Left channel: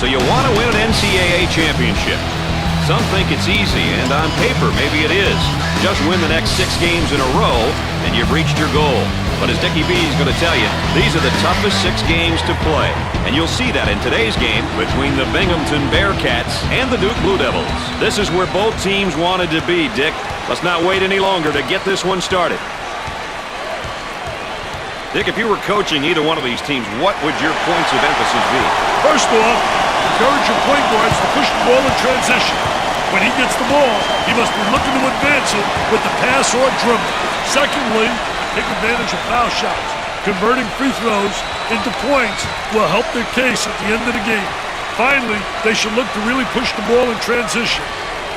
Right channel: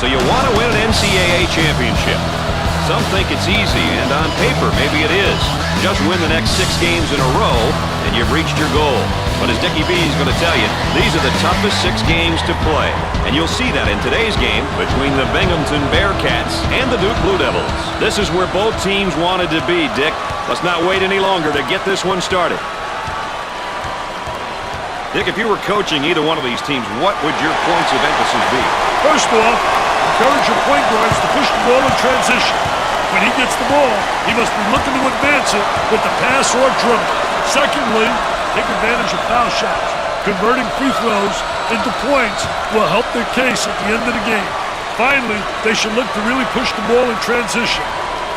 So you want to win an NCAA championship. Some think it's easy, and on paper, maybe it is. Just win the next 6 games in a row, and you've reached your goal. But as Dickie B is going to tell you, these are the toughest 6 games to play. And you'll see that in today's game between the Binghamton Bearcats and the Duke Blue Devils. This is where both teams wanted to be, Dick. Let's not wait any longer to get this one started. Dick, if you were coaching either one of these teams, what would your points of emphasis be? First off, encourage your point guards to push the ball in transition. When he gets the ball, he must be looking to advance it with the pass or dribble. Secondly, take advantage of foul shots. Converting free throws into points will help their case at the end of the game. Finally, they should look to really push the ball in transition.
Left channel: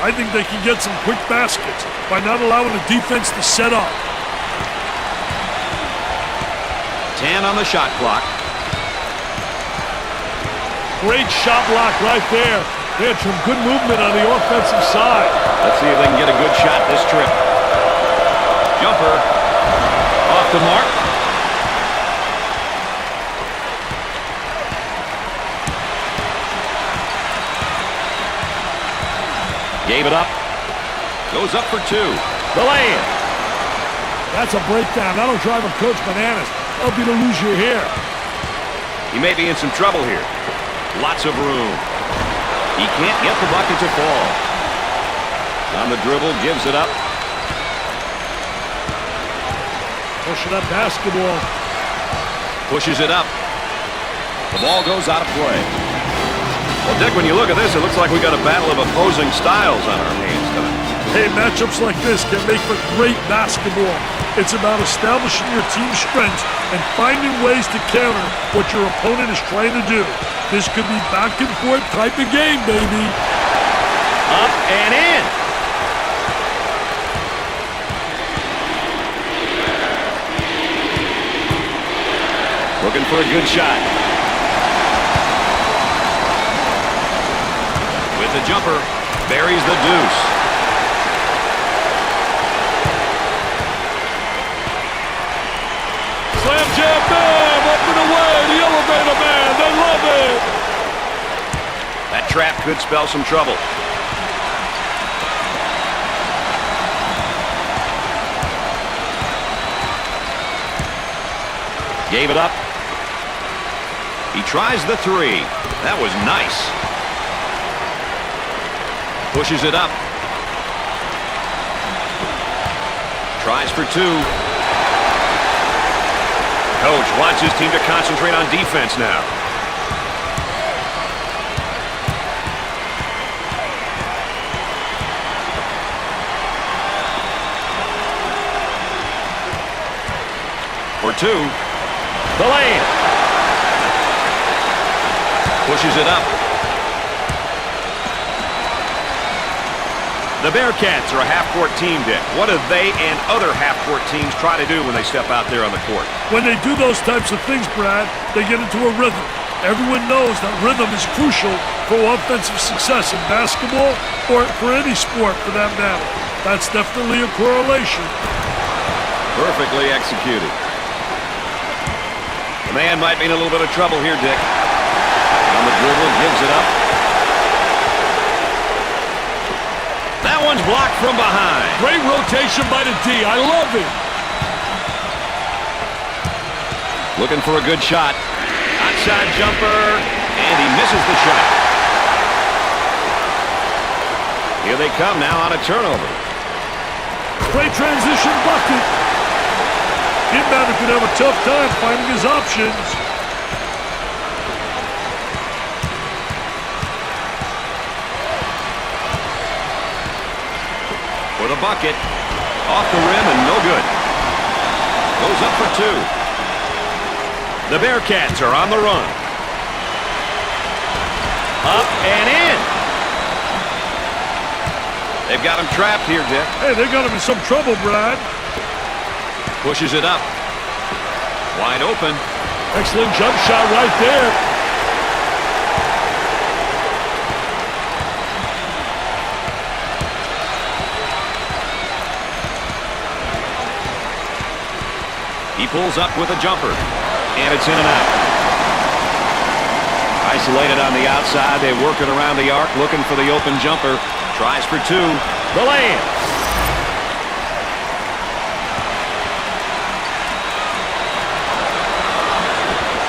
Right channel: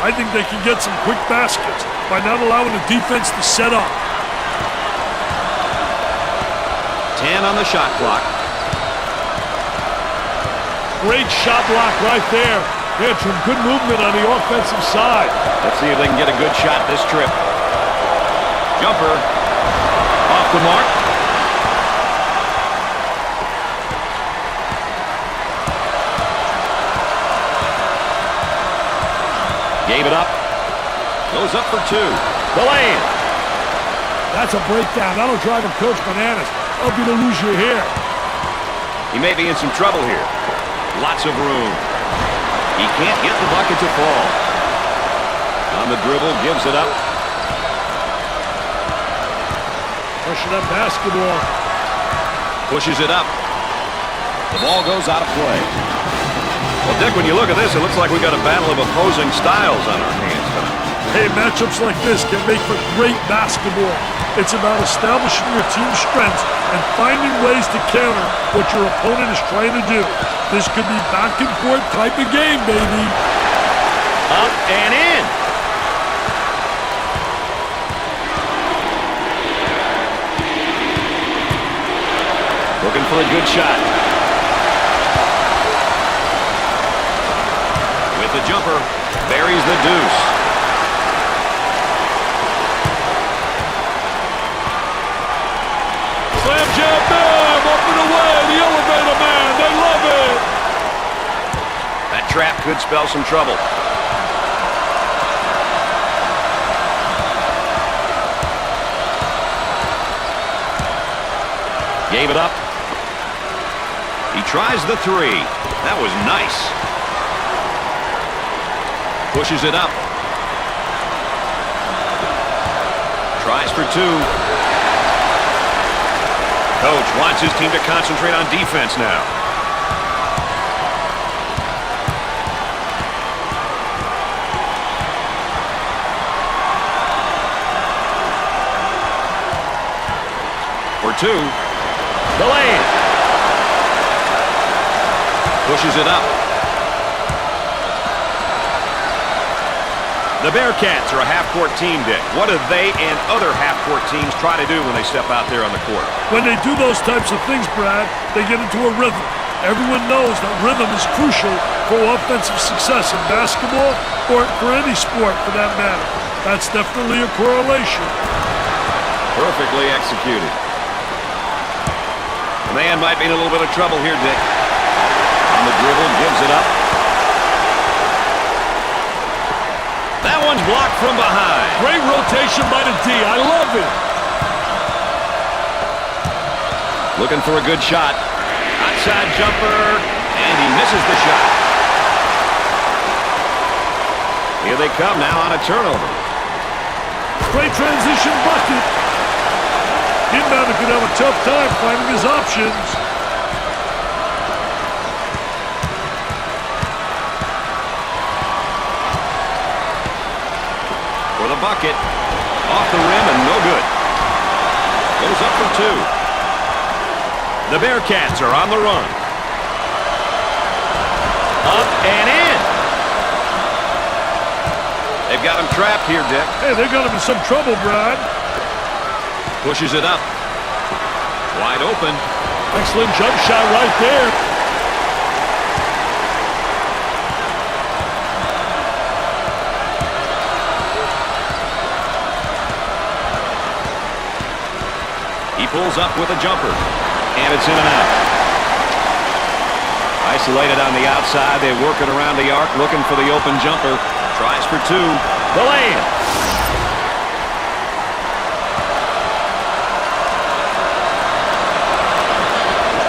I think they can get some quick baskets by not allowing the defense to set up. 10 on the shot clock. Great shot block right there. They had some good movement on the offensive side. Let's see if they can get a good shot this trip. Jumper off the mark. Gave it up. Goes up for two. The lay-in. That's a breakdown. That'll drive a coach bananas. Help you to lose your hair. He may be in some trouble here. Lots of room. He can't get the bucket to fall. On the dribble, gives it up. Pushing that basketball. Pushes it up. The ball goes out of play. Well, Dick, when you look at this, it looks like we got a battle of opposing styles on our hands tonight. Hey, matchups like this can make for great basketball. It's about establishing your team's strengths and finding ways to counter what your opponent is trying to do. This could be back and forth type of game, baby. Up and in. Looking for a good shot. With the jumper, buries the deuce. Slam jam, bam, up and away, the elevator man, they love it. That trap could spell some trouble. Gave it up. He tries the three. That was nice. Pushes it up. Tries for two. Coach wants his team to concentrate on defense now. For two. The lay-in. Pushes it up. The Bearcats are a half-court team, Dick. What do they and other half-court teams try to do when they step out there on the court? When they do those types of things, Brad, they get into a rhythm. Everyone knows that rhythm is crucial for offensive success in basketball or for any sport for that matter. That's definitely a correlation. Perfectly executed. The man might be in a little bit of trouble here, Dick. On the dribble, gives it up. That one's blocked from behind. Great rotation by the D. I love it. Looking for a good shot. Outside jumper, and he misses the shot. Here they come now on a turnover. Great transition bucket. Inbounder could have a tough time finding his options. For the bucket. Off the rim and no good. Goes up for two. The Bearcats are on the run. Up and in. They've got him trapped here, Dick. Hey, they got him in some trouble, Brad. Pushes it up. Wide open. Excellent jump shot right there. He pulls up with a jumper, and it's in and out. Isolated on the outside, they work it around the arc, looking for the open jumper. Tries for two. The lay-in.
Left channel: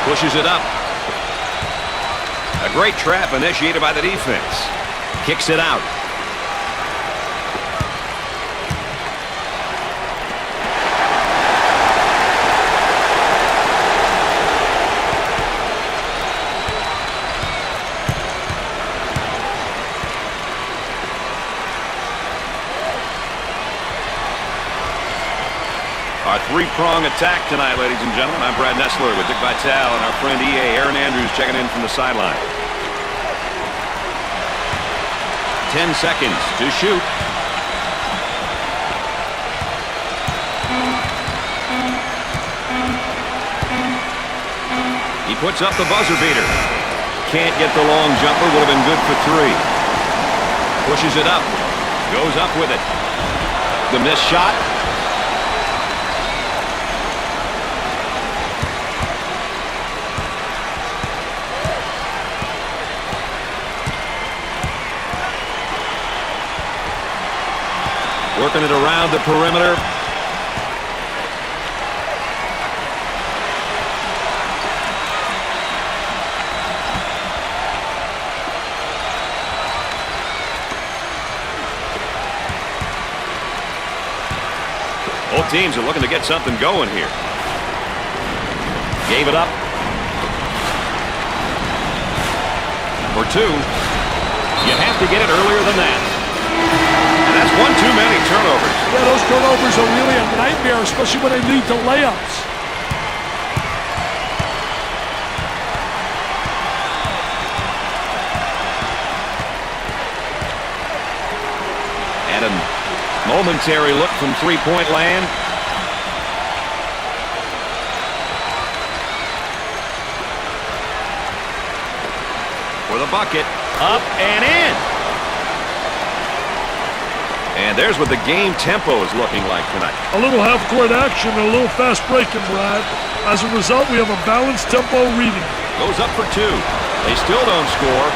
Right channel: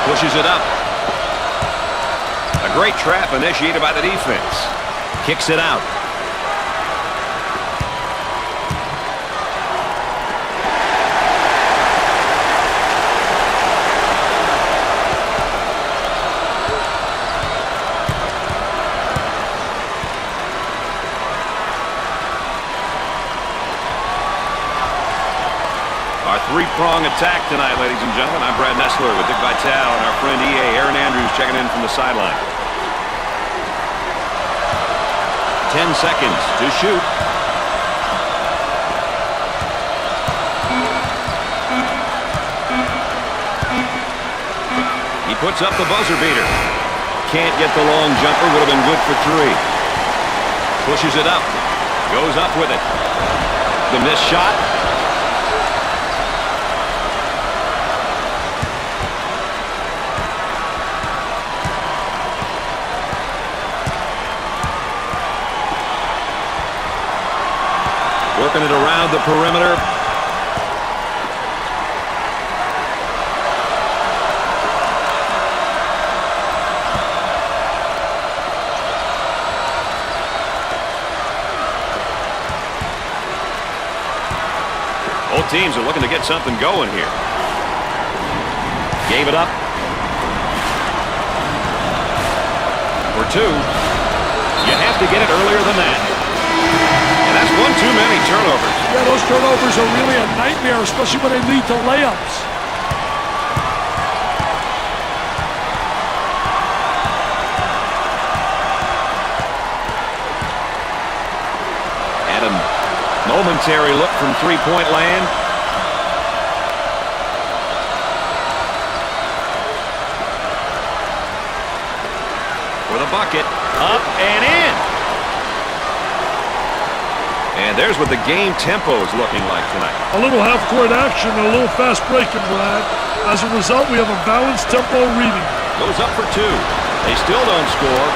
Pushes it up. A great trap initiated by the defense. Kicks it out. Our three-prong attack tonight, ladies and gentlemen. I'm Brad Nessler with Dick Vitale and our friend E.A. Aaron Andrews checking in from the sideline. 10 seconds to shoot. He puts up the buzzer beater. Can't get the long jumper. Would have been good for 3. Pushes it up. Goes up with it. The missed shot. Working it around the perimeter. Both teams are looking to get something going here. Gave it up. For 2. You have to get it earlier than that. And that's one too many turnovers. Yeah, those turnovers are really a nightmare, especially when they lead to layups. And a momentary look from three-point land. For the bucket. Up and in. And there's what the game tempo is looking like tonight. A little half-court action and a little fast breaking, Brad. As a result, we have a balanced tempo reading. Goes up for 2. They still don't score.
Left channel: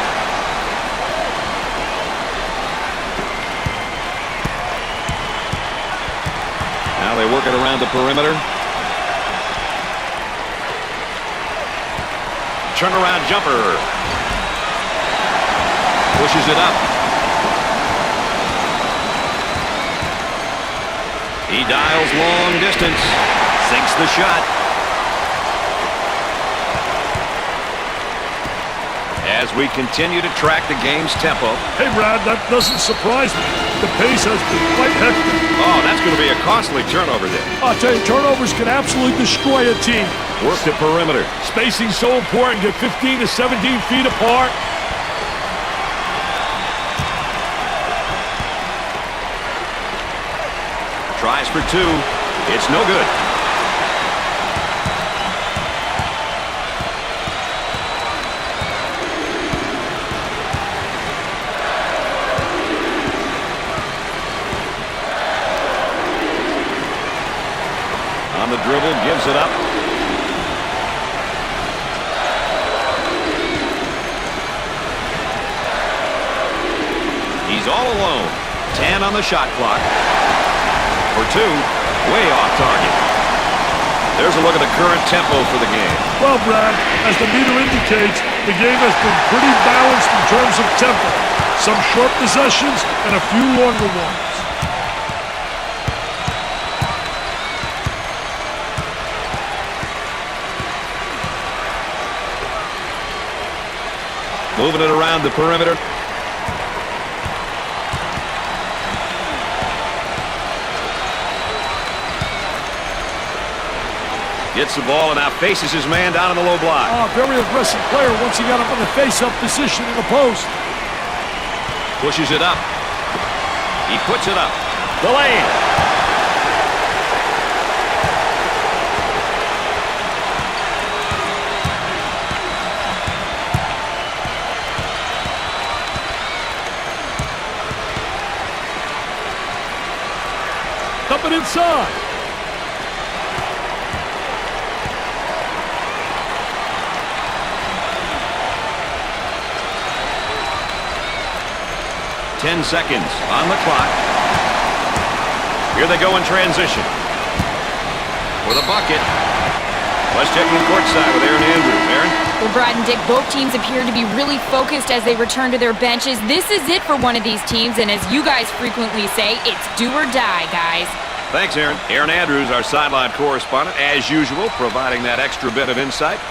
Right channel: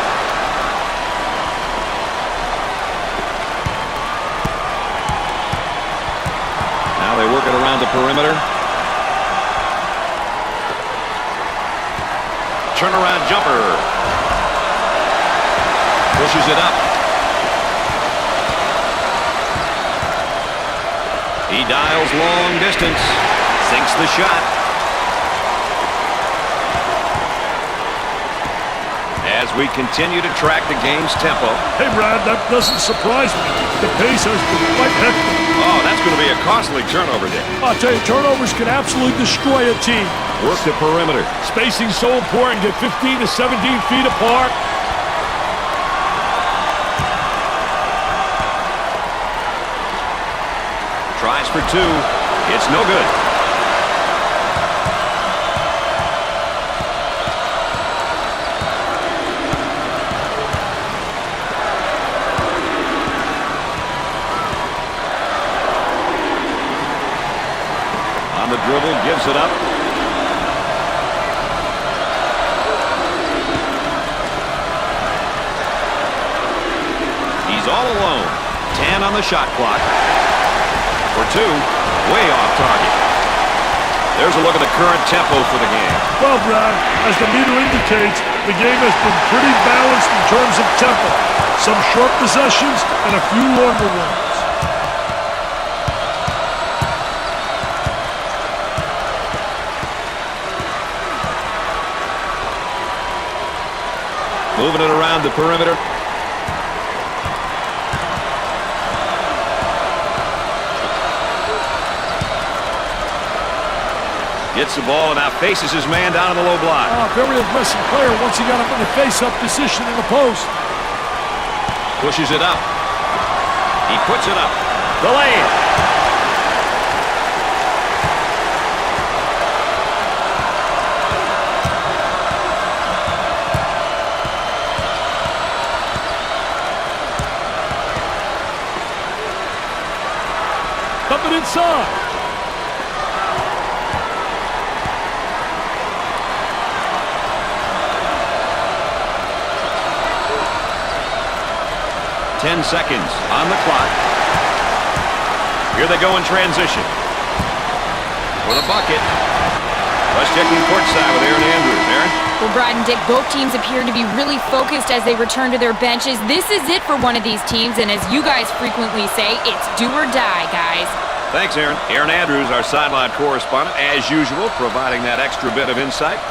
Now they work it around the perimeter. Turnaround jumper. Pushes it up. He dials long distance. Sinks the shot. As we continue to track the game's tempo. Hey, Brad, that doesn't surprise me. The pace has been quite hectic. Oh, that's going to be a costly turnover there. I'll tell you, turnovers can absolutely destroy a team. Work the perimeter. Spacing's so important. Get 15 to 17 feet apart. Tries for 2. It's no good. On the dribble, gives it up. He's all alone. 10 on the shot clock. For 2, way off target. There's a look at the current tempo for the game. Well, Brad, as the meter indicates, the game has been pretty balanced in terms of tempo. Some short possessions and a few longer ones. Moving it around the perimeter. Gets the ball and now faces his man down in the low block. Oh, very aggressive player once he got up in the face-up position in the post. Pushes it up. He puts it up. The lay-in. Coming inside. Ten seconds on the clock. Here they go in transition. For the bucket. Let's check in courtside with Erin Andrews. Erin? Well, Brad and Dick, both teams appear to be really focused as they return to their benches. This is it for one of these teams, and as you guys frequently say, it's do or die, guys. Thanks, Erin. Erin Andrews, our sideline correspondent, as usual, providing that extra bit of insight.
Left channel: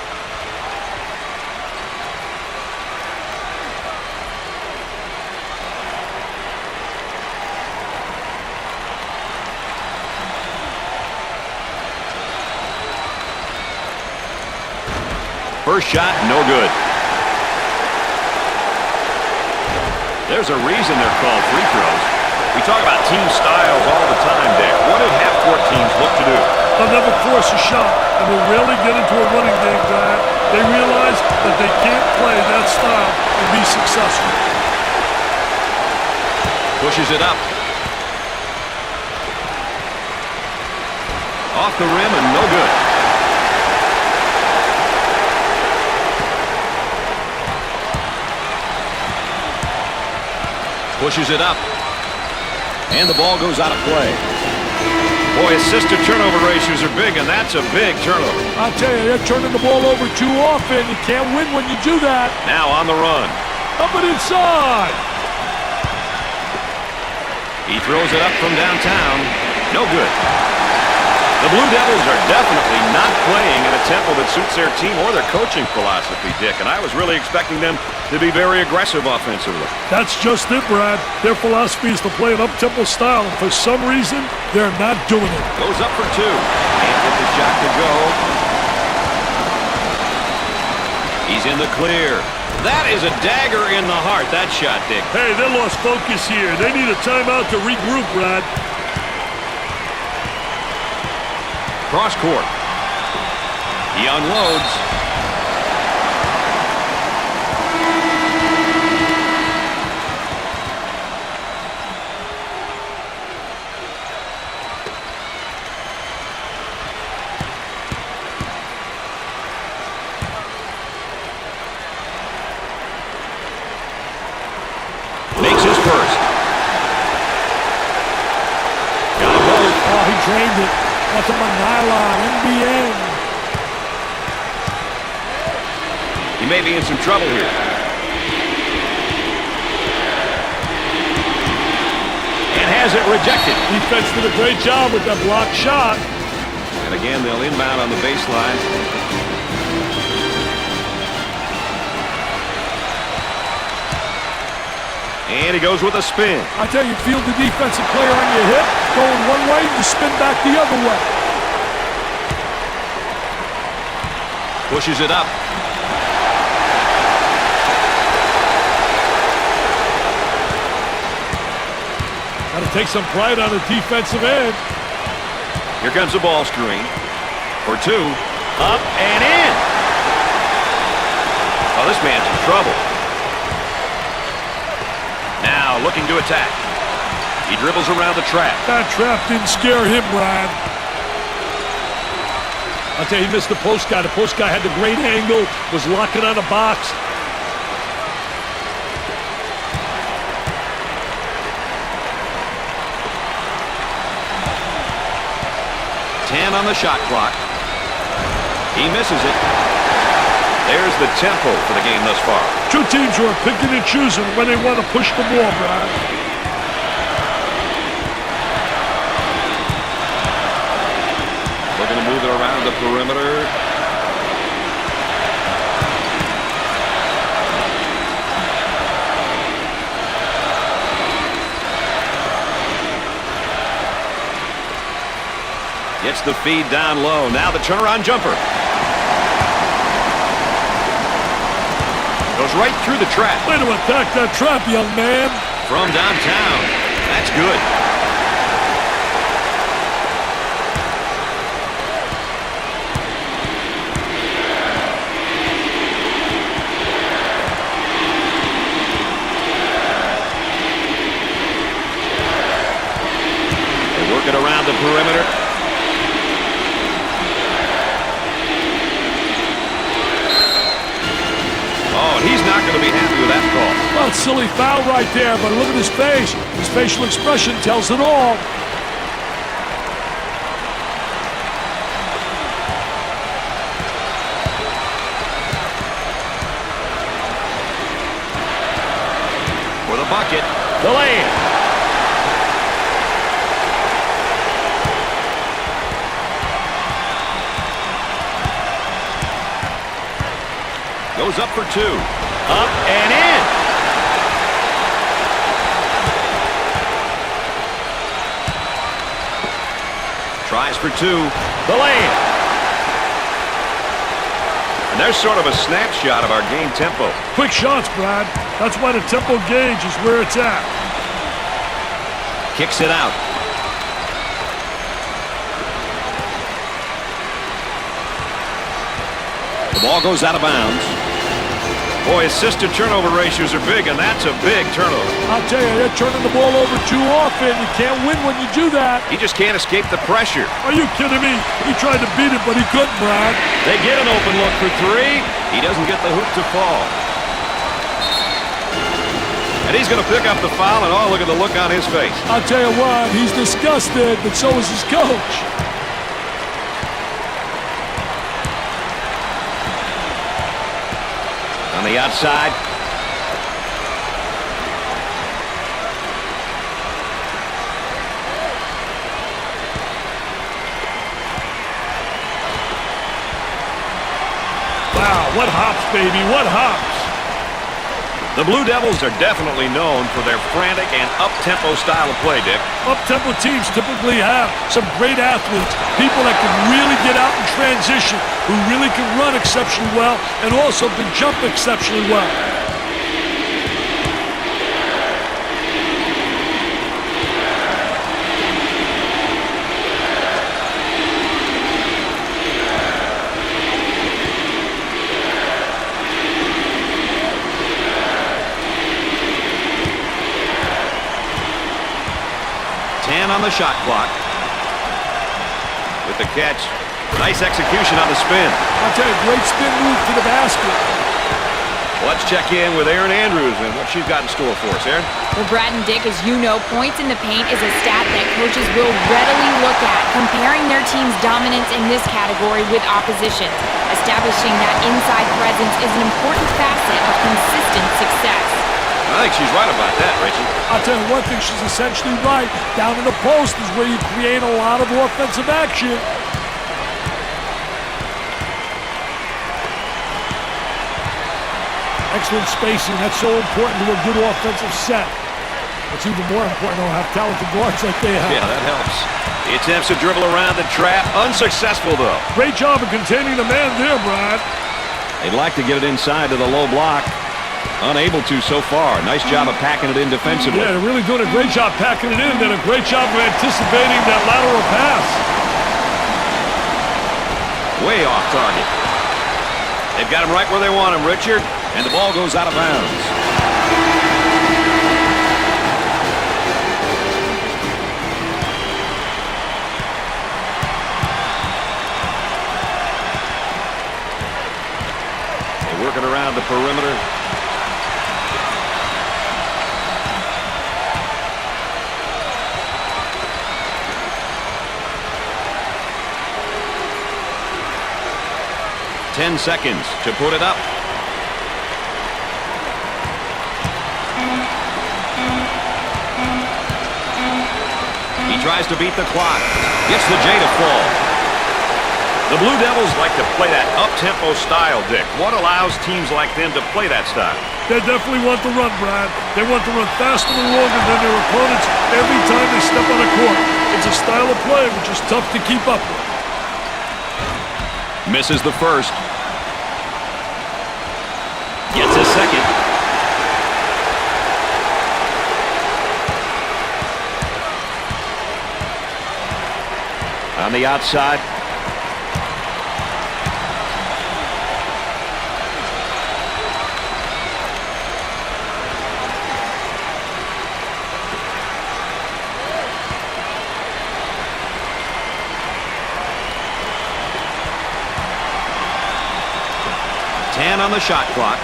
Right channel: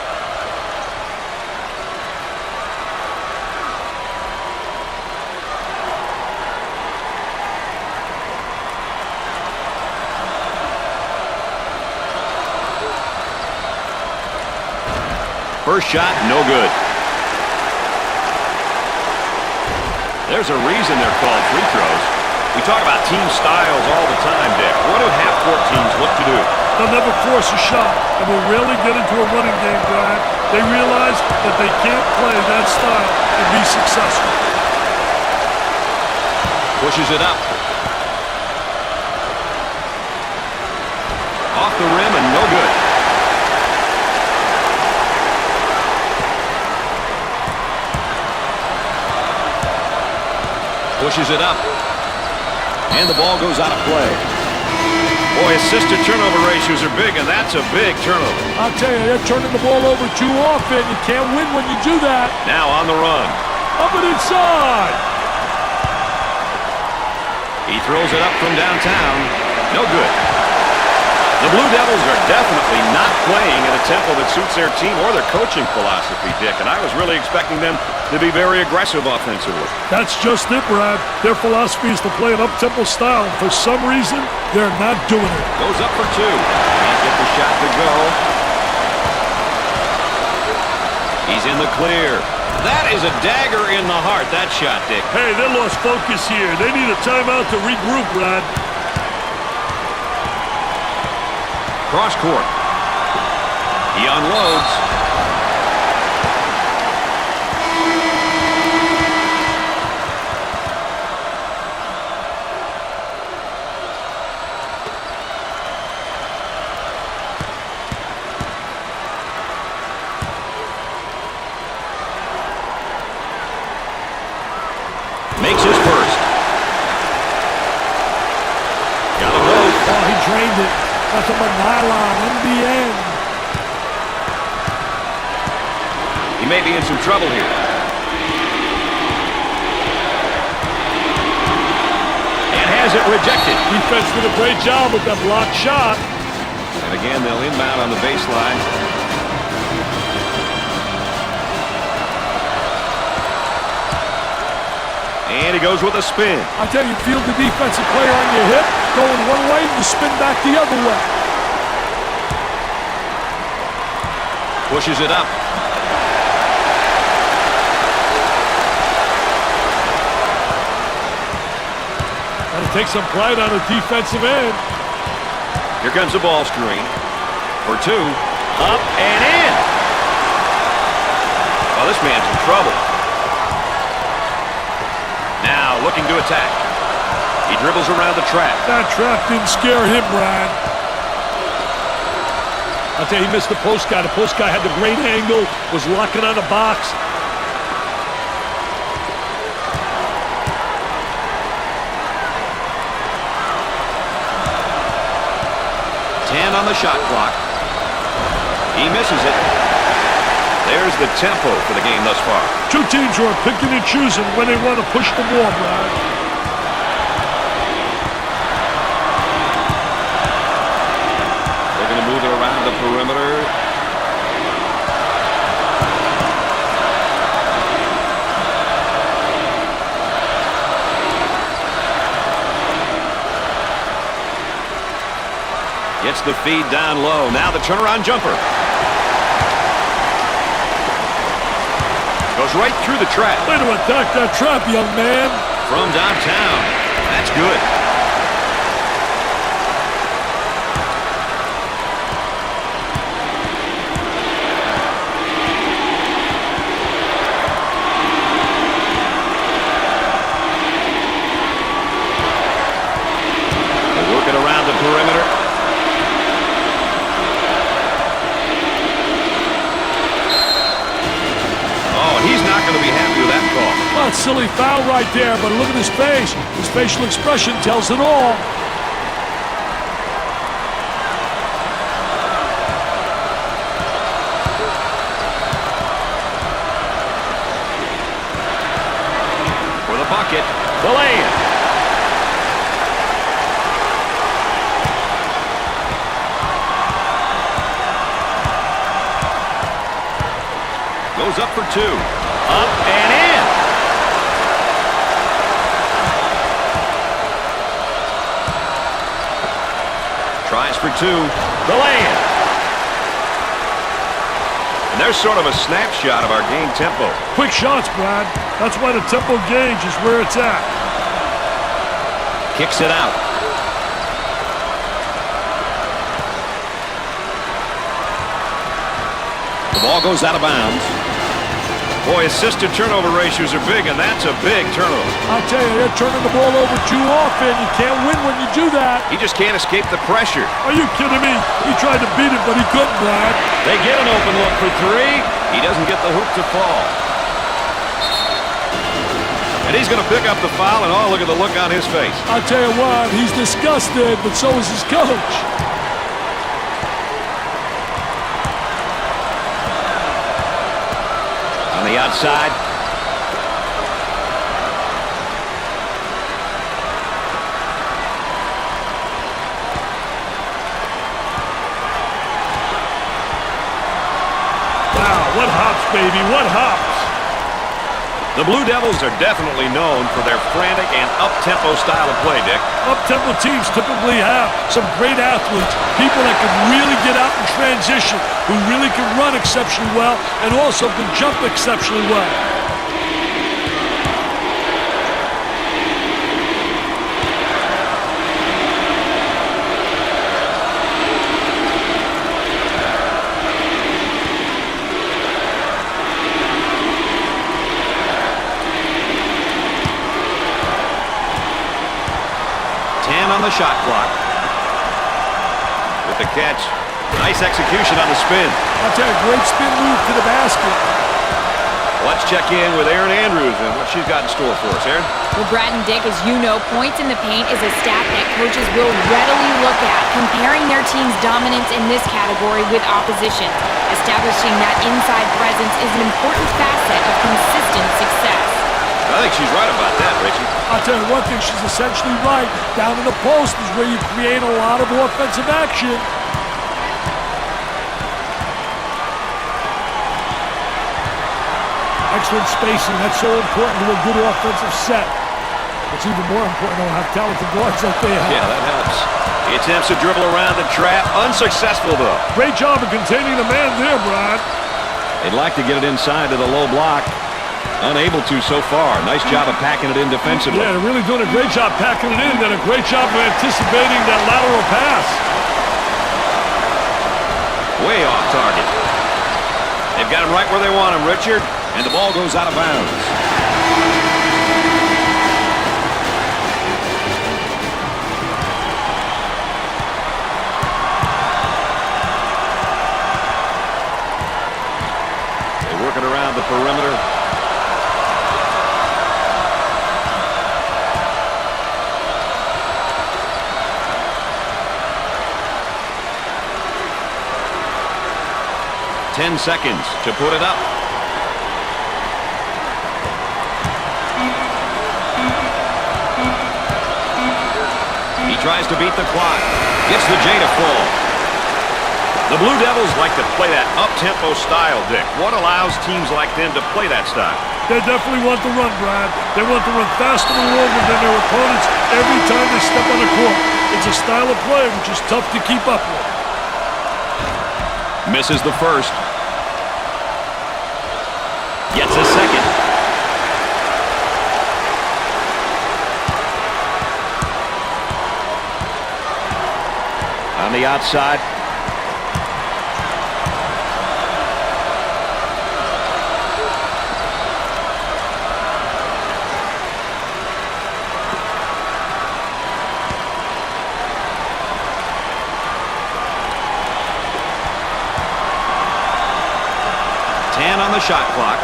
First shot, no good. There's a reason they're called free throws. We talk about team styles all the time, Dick. What do half-court teams look to do? They'll never force a shot and will rarely get into a running game, Brad. They realize that they can't play that style and be successful. Pushes it up. Off the rim and no good. Pushes it up. And the ball goes out of play. Boy, assist to turnover ratios are big, and that's a big turnover. I'll tell you, they're turning the ball over too often. You can't win when you do that. Now on the run. Up and inside. He throws it up from downtown. No good. The Blue Devils are definitely not playing at a tempo that suits their team or their coaching philosophy, Dick, and I was really expecting them to be very aggressive offensively. That's just it, Brad. Their philosophy is to play an up-tempo style, and for some reason, they're not doing it. Goes up for two. Can't get the shot to go. He's in the clear. That is a dagger in the heart, that shot, Dick. Hey, they lost focus here. They need a timeout to regroup, Brad. Cross court. He unloads. Makes his first. Got them both. Oh, he drained it. Nothing but nylon, NBN. He may be in some trouble here. And has it rejected. Defense did a great job with that blocked shot. And again, they'll inbound on the baseline. And he goes with a spin. I tell you, field the defensive player on your hip, going one way, you spin back the other way. Pushes it up. Got to take some pride on the defensive end. Here comes the ball screen. For two. Up and in. Oh, this man's in trouble. Now looking to attack. He dribbles around the trap. That trap didn't scare him, Brad. I'll tell you, he missed the post guy. The post guy had the great angle, was locking on the box. Ten on the shot clock. He misses it. There's the tempo for the game thus far. Two teams who are picking and choosing when they want to push the ball, Brad. Looking to move it around the perimeter. Gets the feed down low. Now the turnaround jumper. Goes right through the trap. Way to attack that trap, young man. From downtown. That's good. They work it around the perimeter. Oh, and he's not going to be happy with that call. Well, it's a silly foul right there, but look at his face. His facial expression tells it all. For the bucket, the lay-in. Goes up for two. Up and in. Tries for two. The lay-in. And there's sort of a snapshot of our game tempo. Quick shots, Brad. That's why the tempo gauge is where it's at. Kicks it out. The ball goes out of bounds. Boy, assisted turnover ratios are big, and that's a big turnover. I'll tell you, they're turning the ball over too often. You can't win when you do that. He just can't escape the pressure. Are you kidding me? He tried to beat it, but he couldn't, Brad. They get an open look for three. He doesn't get the hoop to fall. And he's going to pick up the foul, and oh, look at the look on his face. I'll tell you what, he's disgusted, but so is his coach. On the outside. Wow, what hops, baby, what hops. The Blue Devils are definitely known for their frantic and up-tempo style of play, Dick. Up-tempo teams typically have some great athletes, people that can really get out in transition, who really can run exceptionally well and also can jump exceptionally well. On the shot clock. With the catch. Nice execution on the spin. I'll tell you, great spin move to the basket. Let's check in with Erin Andrews and what she's got in store for us. Erin? Well, Brad and Dick, as you know, points in the paint is a stat that coaches will readily look at, comparing their team's dominance in this category with opposition. Establishing that inside presence is an important facet of consistent success. I think she's right about that, Richie. I'll tell you one thing, she's essentially right. Down in the post is where you create a lot of offensive action. Excellent spacing. That's so important to a good offensive set. It's even more important to have talented guards like they have. Yeah, that helps. He attempts to dribble around the trap. Unsuccessful, though. Great job of containing the man there, Brad. They'd like to get it inside to the low block. Unable to so far. Nice job of packing it in defensively. Yeah, they're really doing a great job packing it in. Did a great job of anticipating that lateral pass. Way off target. They've got him right where they want him, Richard. And the ball goes out of bounds. They work it around the perimeter. Ten seconds to put it up. He tries to beat the clock. Gets the J to fall. The Blue Devils like to play that up-tempo style, Dick. What allows teams like them to play that style? They definitely want to run, Brad. They want to run faster and longer than their opponents every time they step on the court. It's a style of play which is tough to keep up with. Misses the first. Gets a second. On the outside. On the shot clock.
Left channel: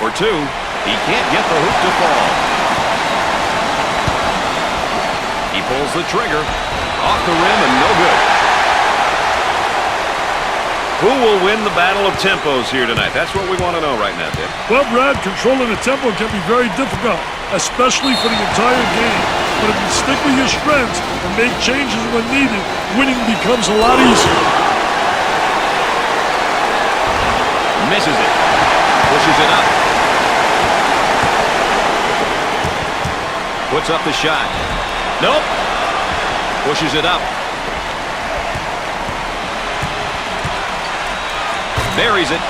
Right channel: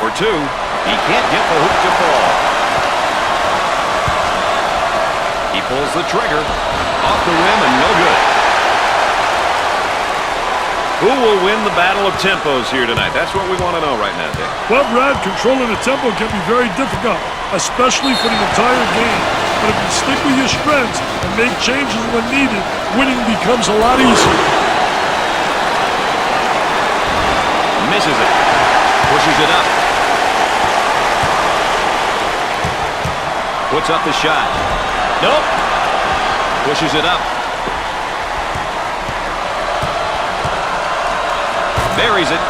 For two. He can't get the hoop to fall. He pulls the trigger. Off the rim and no good. Who will win the battle of tempos here tonight? That's what we want to know right now, Dick. Well, Brad, controlling the tempo can be very difficult, especially for the entire game. But if you stick with your strengths and make changes when needed, winning becomes a lot easier. Misses it. Pushes it up. Puts up the shot. Nope. Pushes it up. Buries it.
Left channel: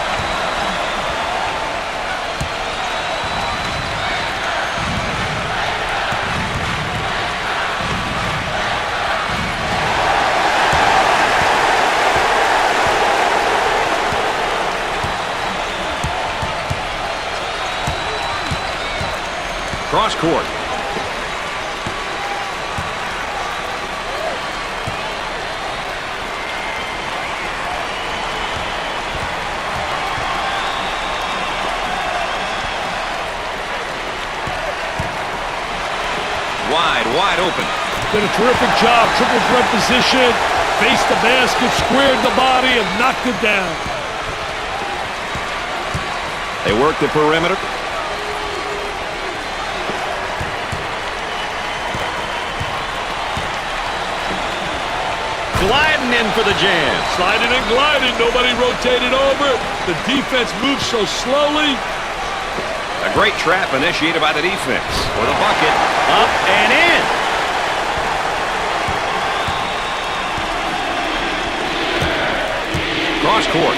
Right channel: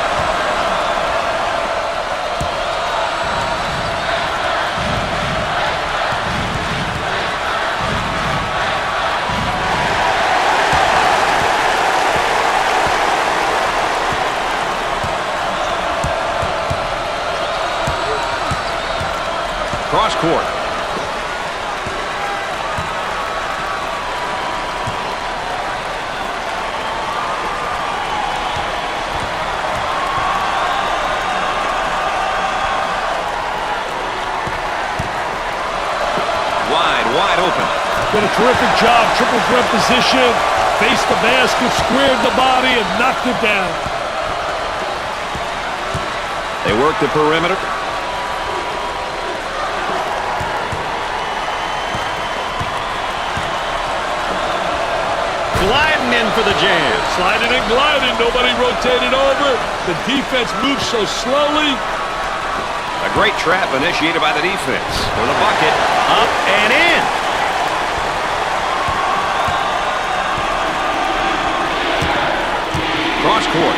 Cross court. Wide open. Did a terrific job. Triple threat position. Faced the basket, squared the body, and knocked it down. They work the perimeter. Gliding in for the jam. Sliding and gliding. Nobody rotated over. The defense moves so slowly. A great trap initiated by the defense. For the bucket. Up and in. Cross court.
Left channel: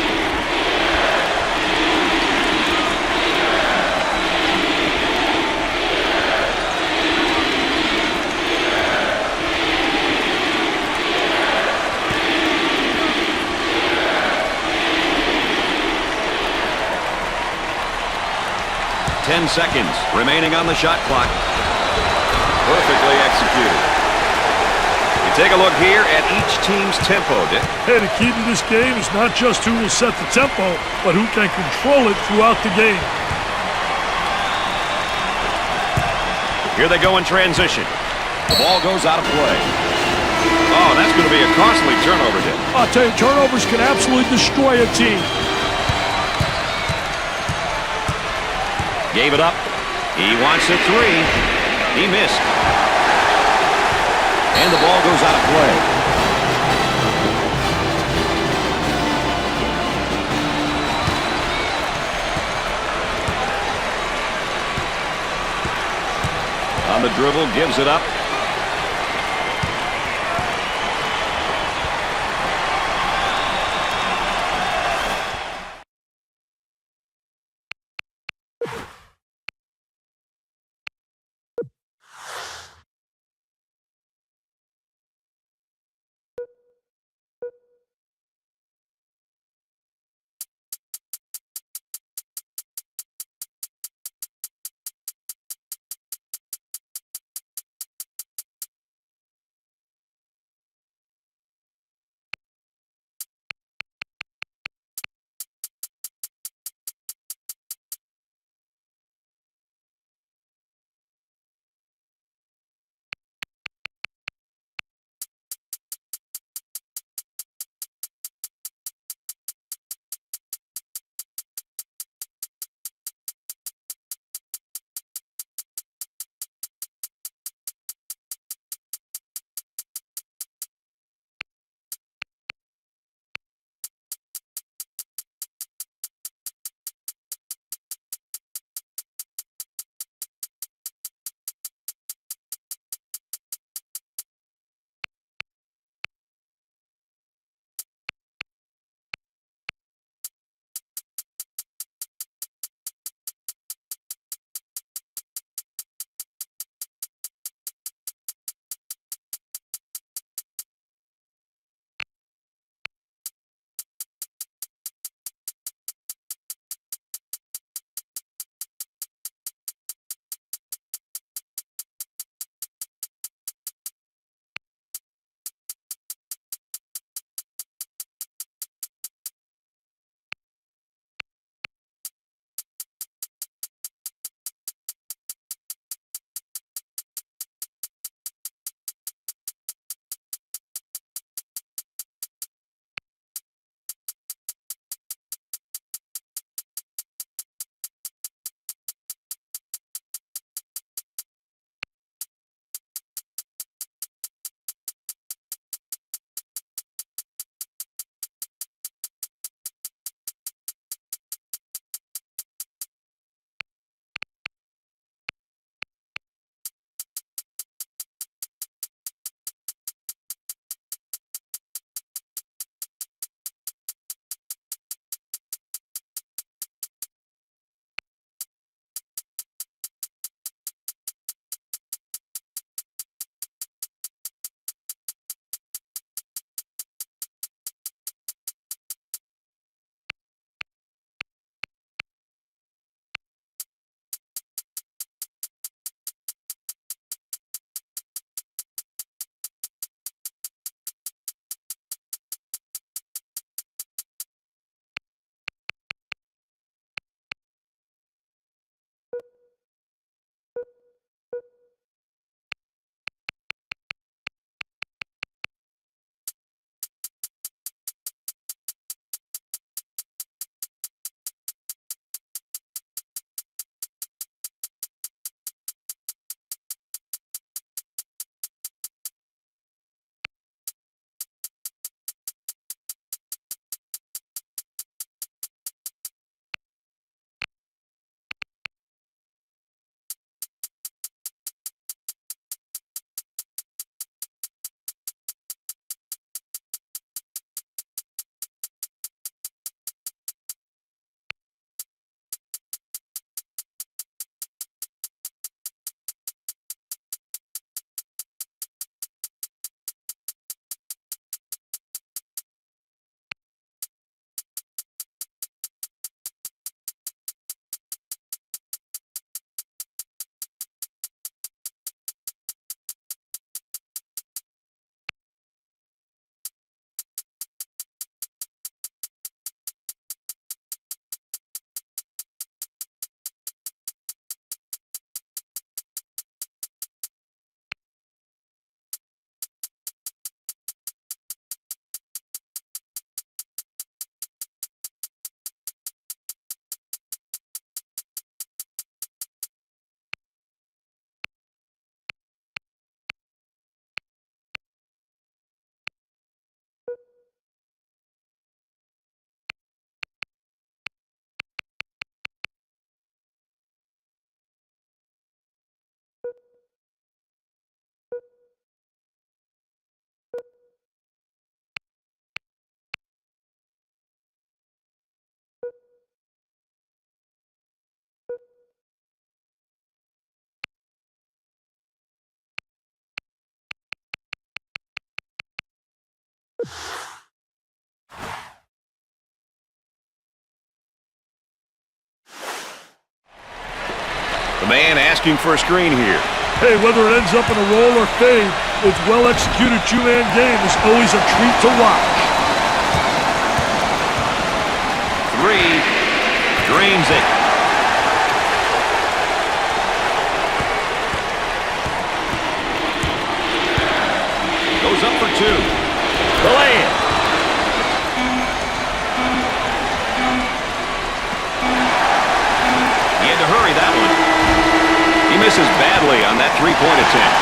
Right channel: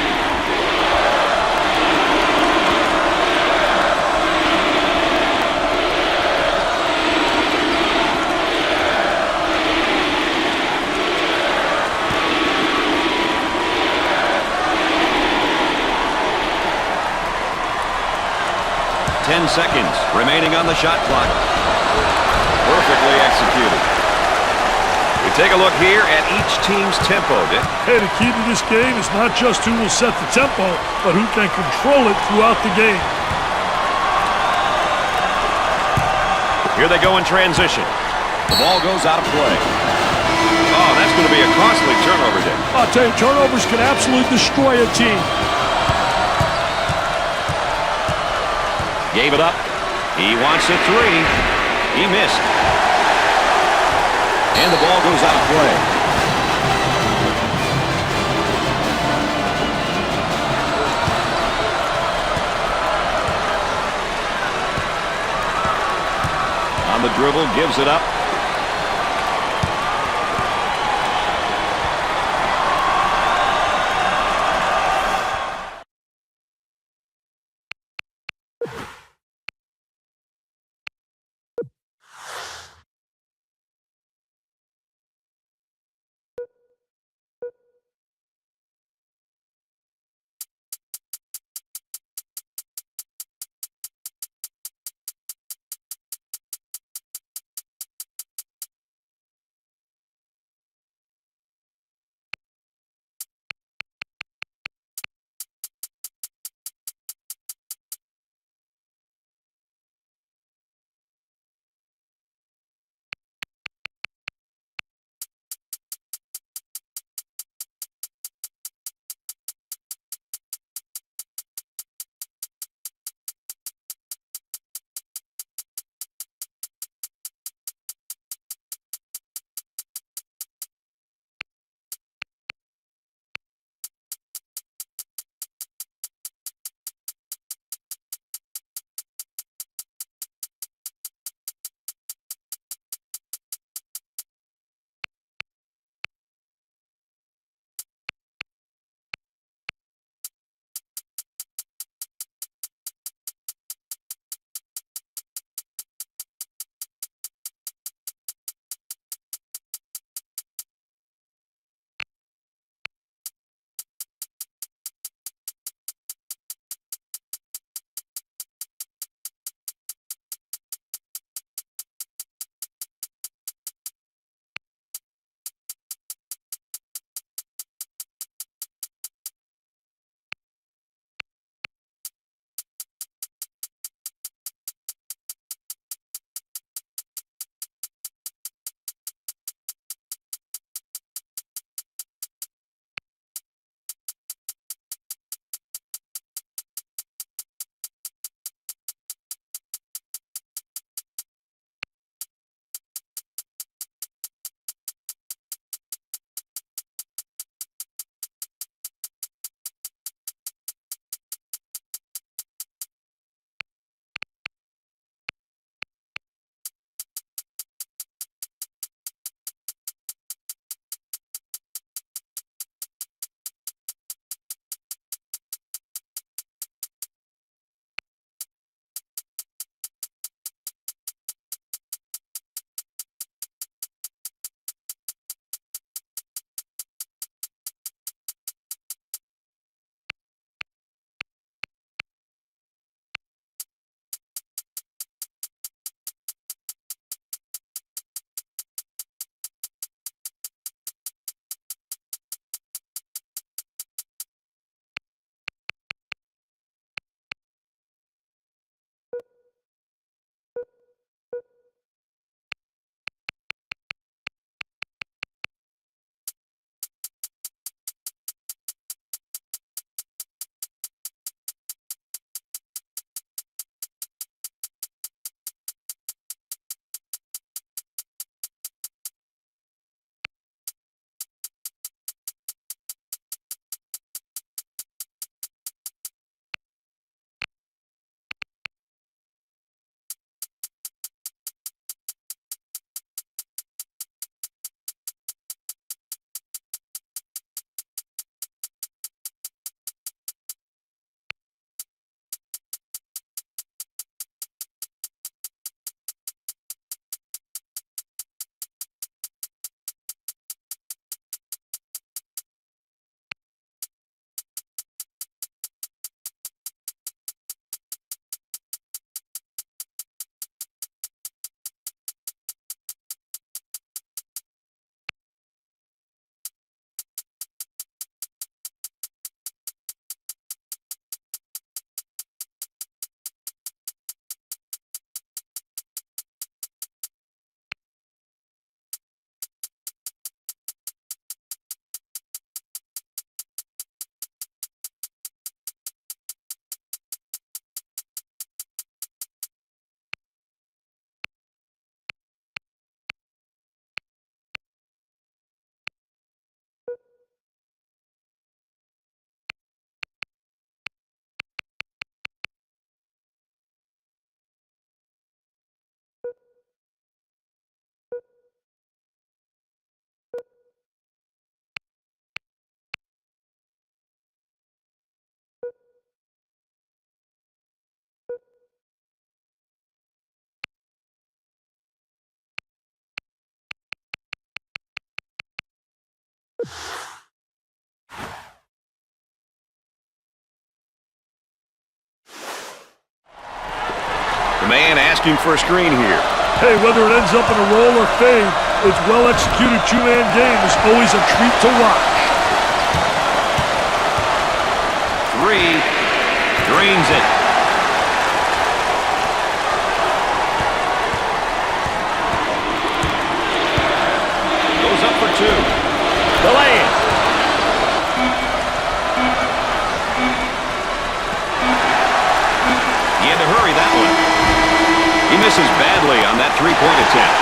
Ten seconds remaining on the shot clock. Perfectly executed. We take a look here at each team's tempo, Dick. Hey, the key to this game is not just who will set the tempo, but who can control it throughout the game. Here they go in transition. The ball goes out of play. Oh, that's going to be a costly turnover, Dick. I'll tell you, turnovers can absolutely destroy a team. Gave it up. He wants a three. He missed. And the ball goes out of play. On the dribble, gives it up. The man asking for a screen here. Hey, whether it ends up in a roll or fade, its well-executed two-man game is always a treat to watch. 3. Drains it. Goes up for 2. The lay-in. He had to hurry that one. He misses badly on that three-point attempt.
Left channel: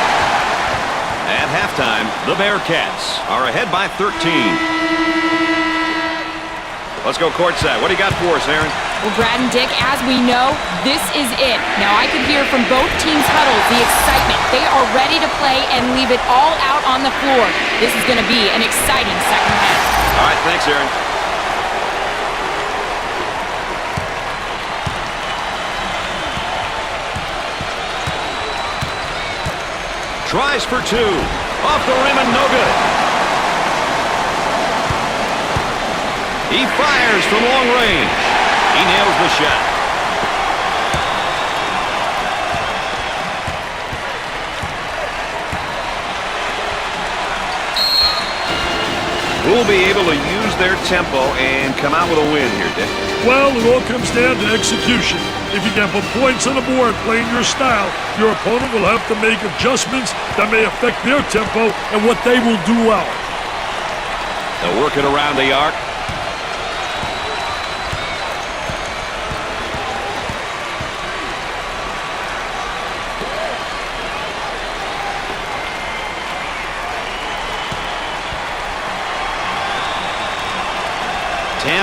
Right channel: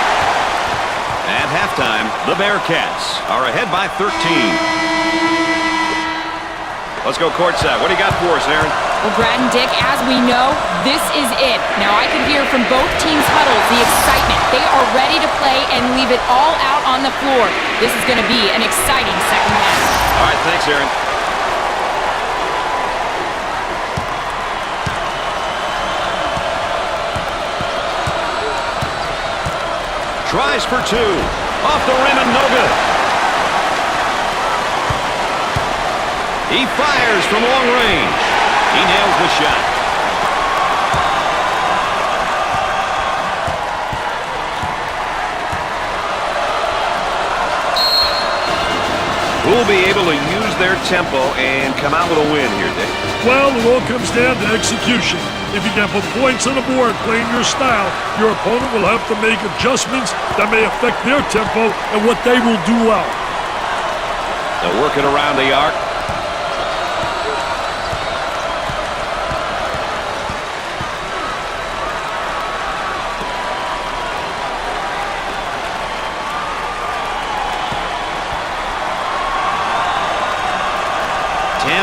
At halftime, the Bearcats are ahead by 13. Let's go courtside. What do you got for us, Aaron? Well, Brad and Dick, as we know, this is it. Now, I could hear from both teams' huddles the excitement. They are ready to play and leave it all out on the floor. This is going to be an exciting second half. All right, thanks, Aaron. Tries for 2. Off the rim and no good. He fires from long range. He nails the shot. Who'll be able to use their tempo and come out with a win here, Dick? Well, it all comes down to execution. If you can put points on the board playing your style, your opponent will have to make adjustments that may affect their tempo and what they will do well. They'll work it around the arc.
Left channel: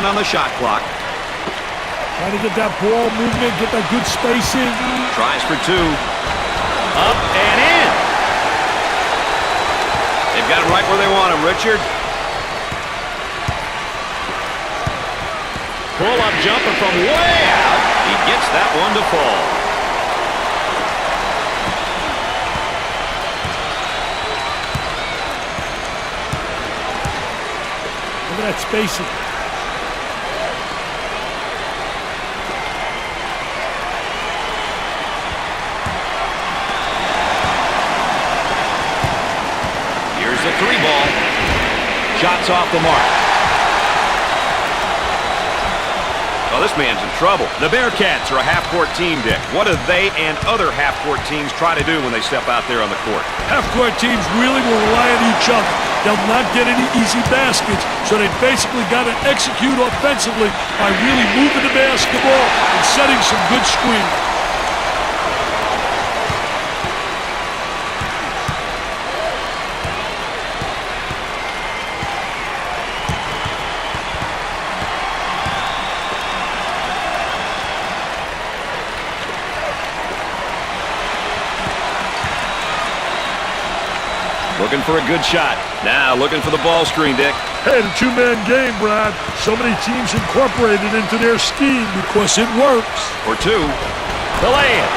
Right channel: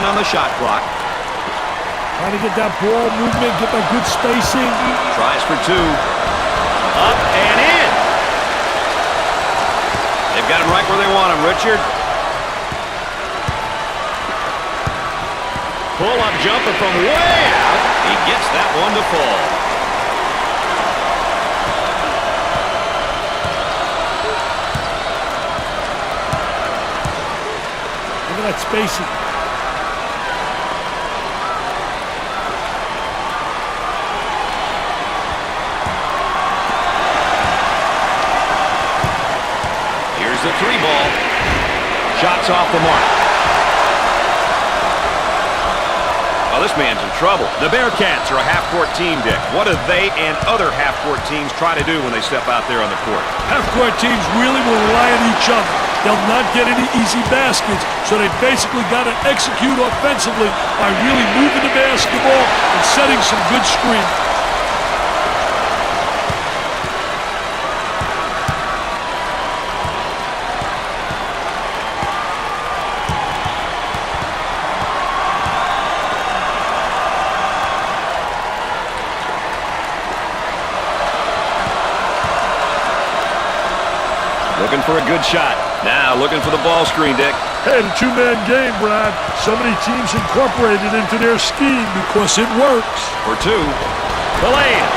On the shot clock. Trying to get that ball movement, get that good spacing. Tries for 2. Up and in. They've got him right where they want him, Richard. Pull-up jumper from way out. He gets that one to fall. Look at that spacing. Here's the 3 ball. Shots off the mark. Well, this man's in trouble. The Bearcats are a half-court team, Dick. What do they and other half-court teams try to do when they step out there on the court? Half-court teams really will rely on each other. They'll not get any easy baskets, so they basically got to execute offensively by really moving the basketball and setting some good screens. Looking for a good shot. Now looking for the ball screen, Dick. Hey, the two-man game, Brad. So many teams incorporate it into their scheme because it works. For 2. The lay-in.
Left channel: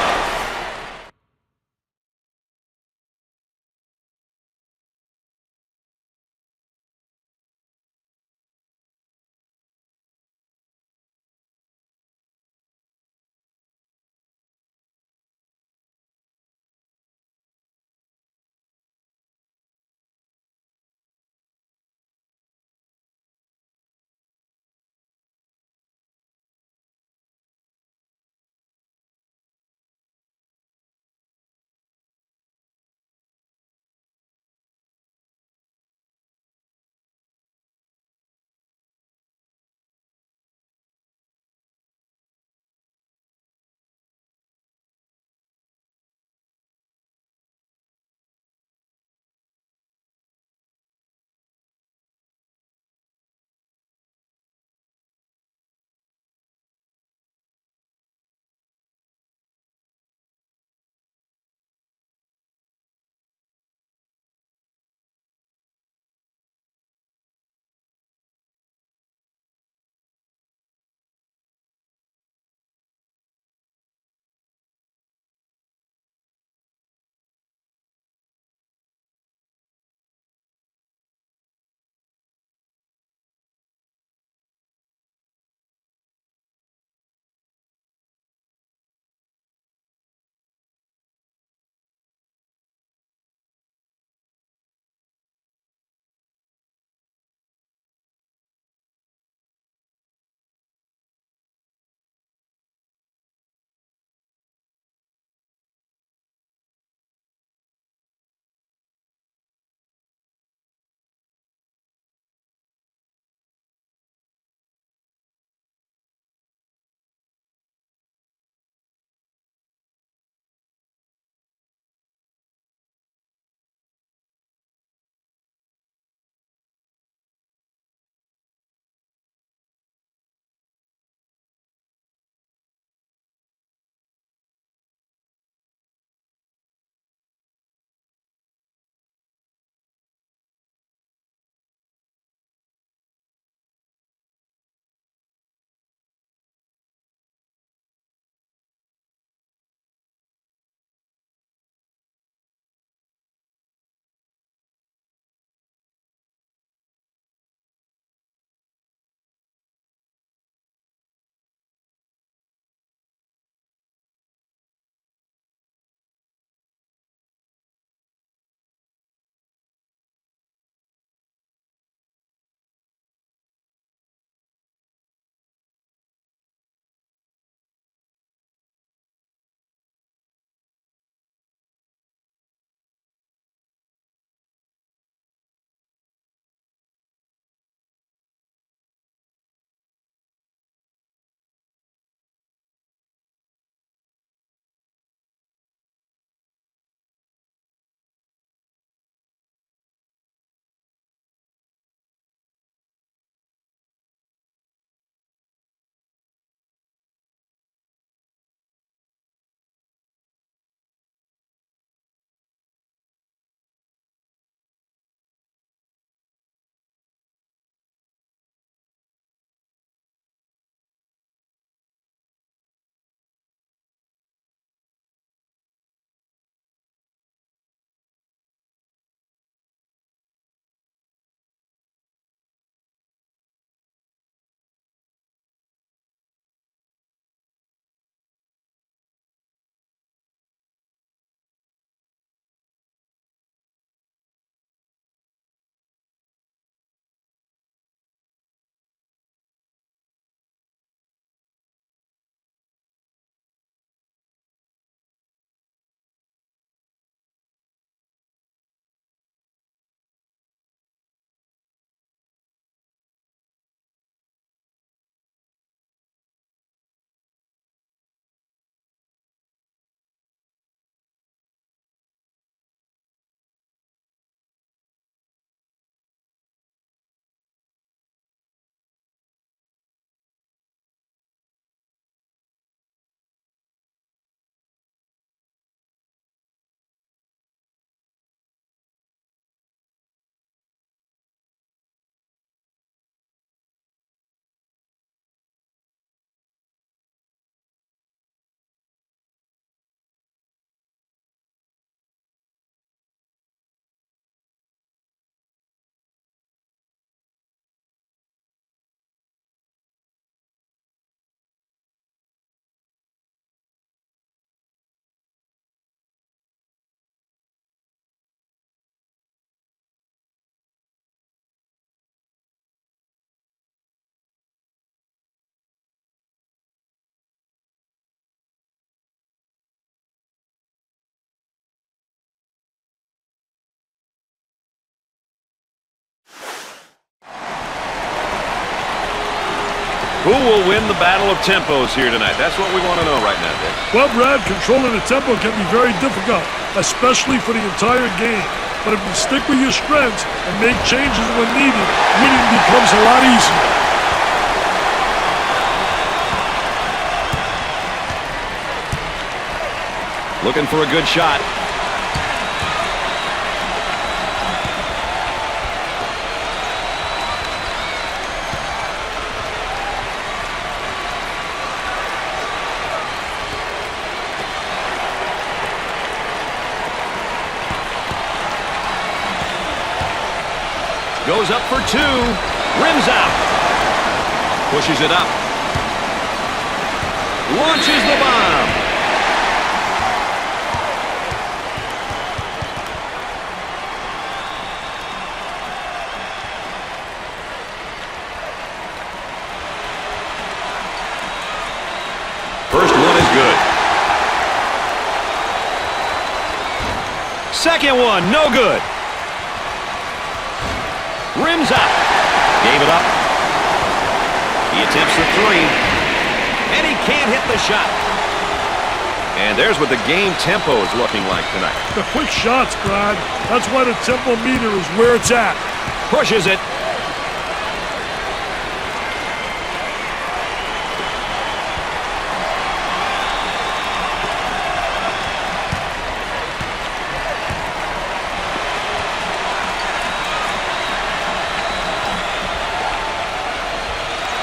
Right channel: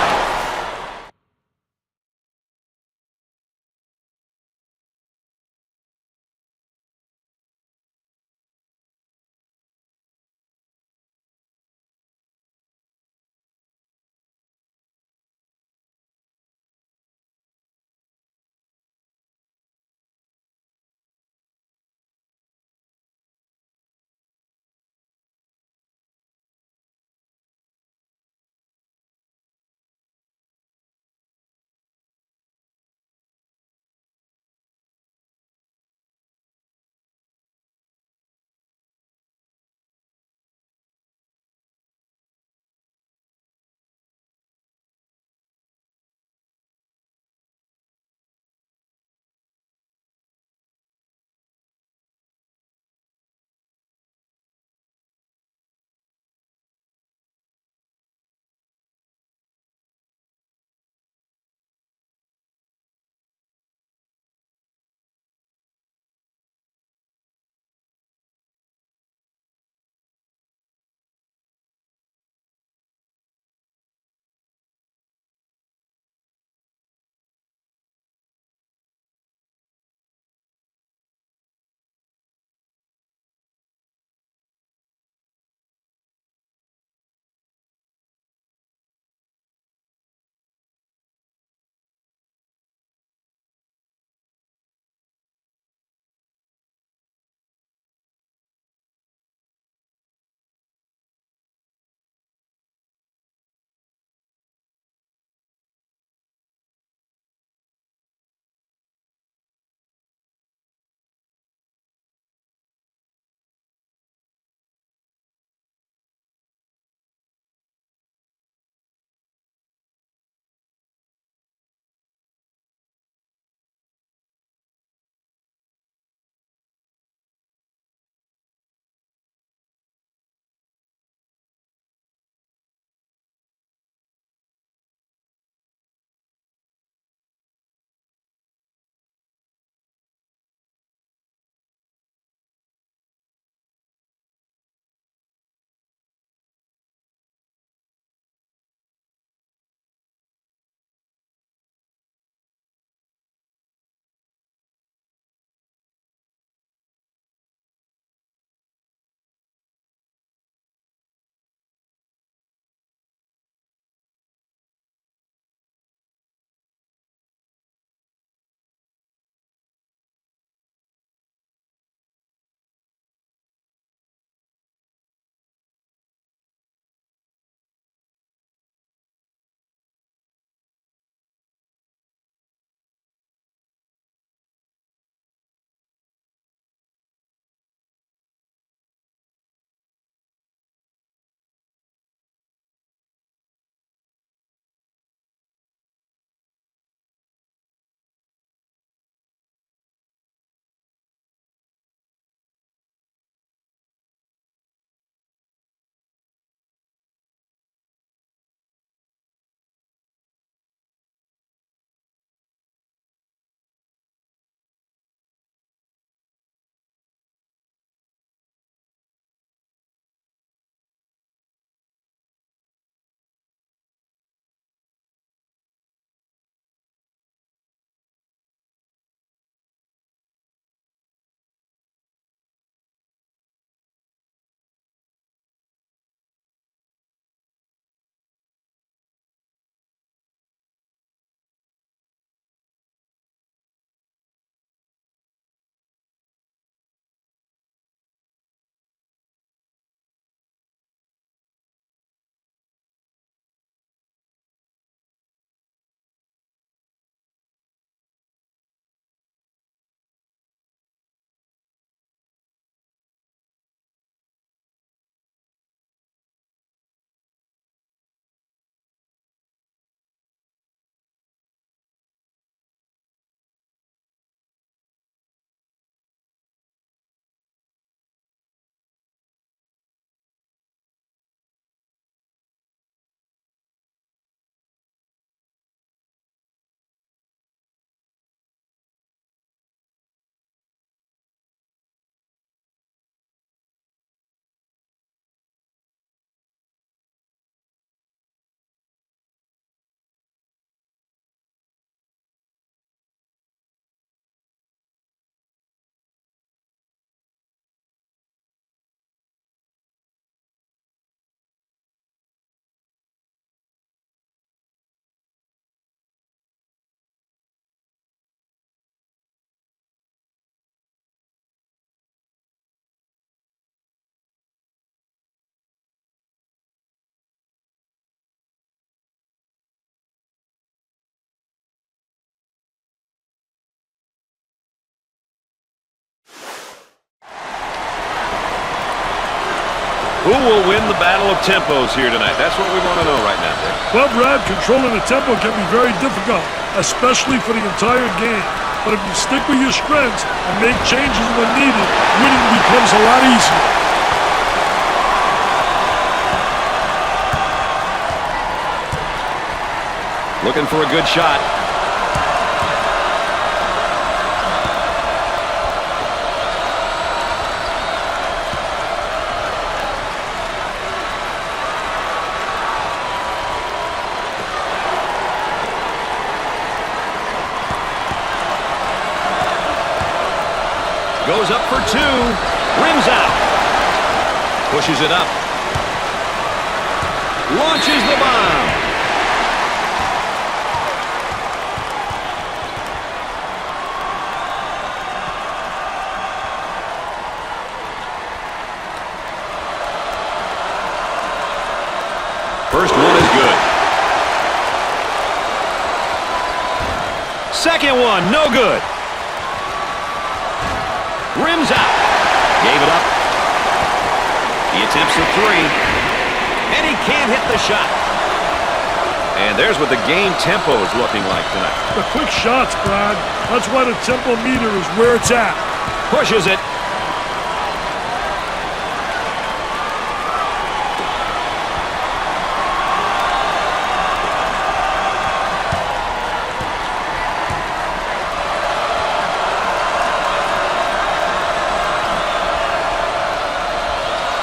Who will win the battle of tempos here tonight? That's what we want to know right now, Dick. Well, Brad, controlling the tempo can be very difficult, especially for the entire game. But if you stick with your strengths and make changes when needed, winning becomes a lot easier. Looking for a good shot. Goes up for two. Rims out. Pushes it up. Launches the bomb. First one is good. Second one, no good. Rims out. Gave it up. He attempts the three. And he can't hit the shot. And there's what the game tempo is looking like tonight. The quick shots, Brad. That's why the tempo meter is where it's at. Pushes it.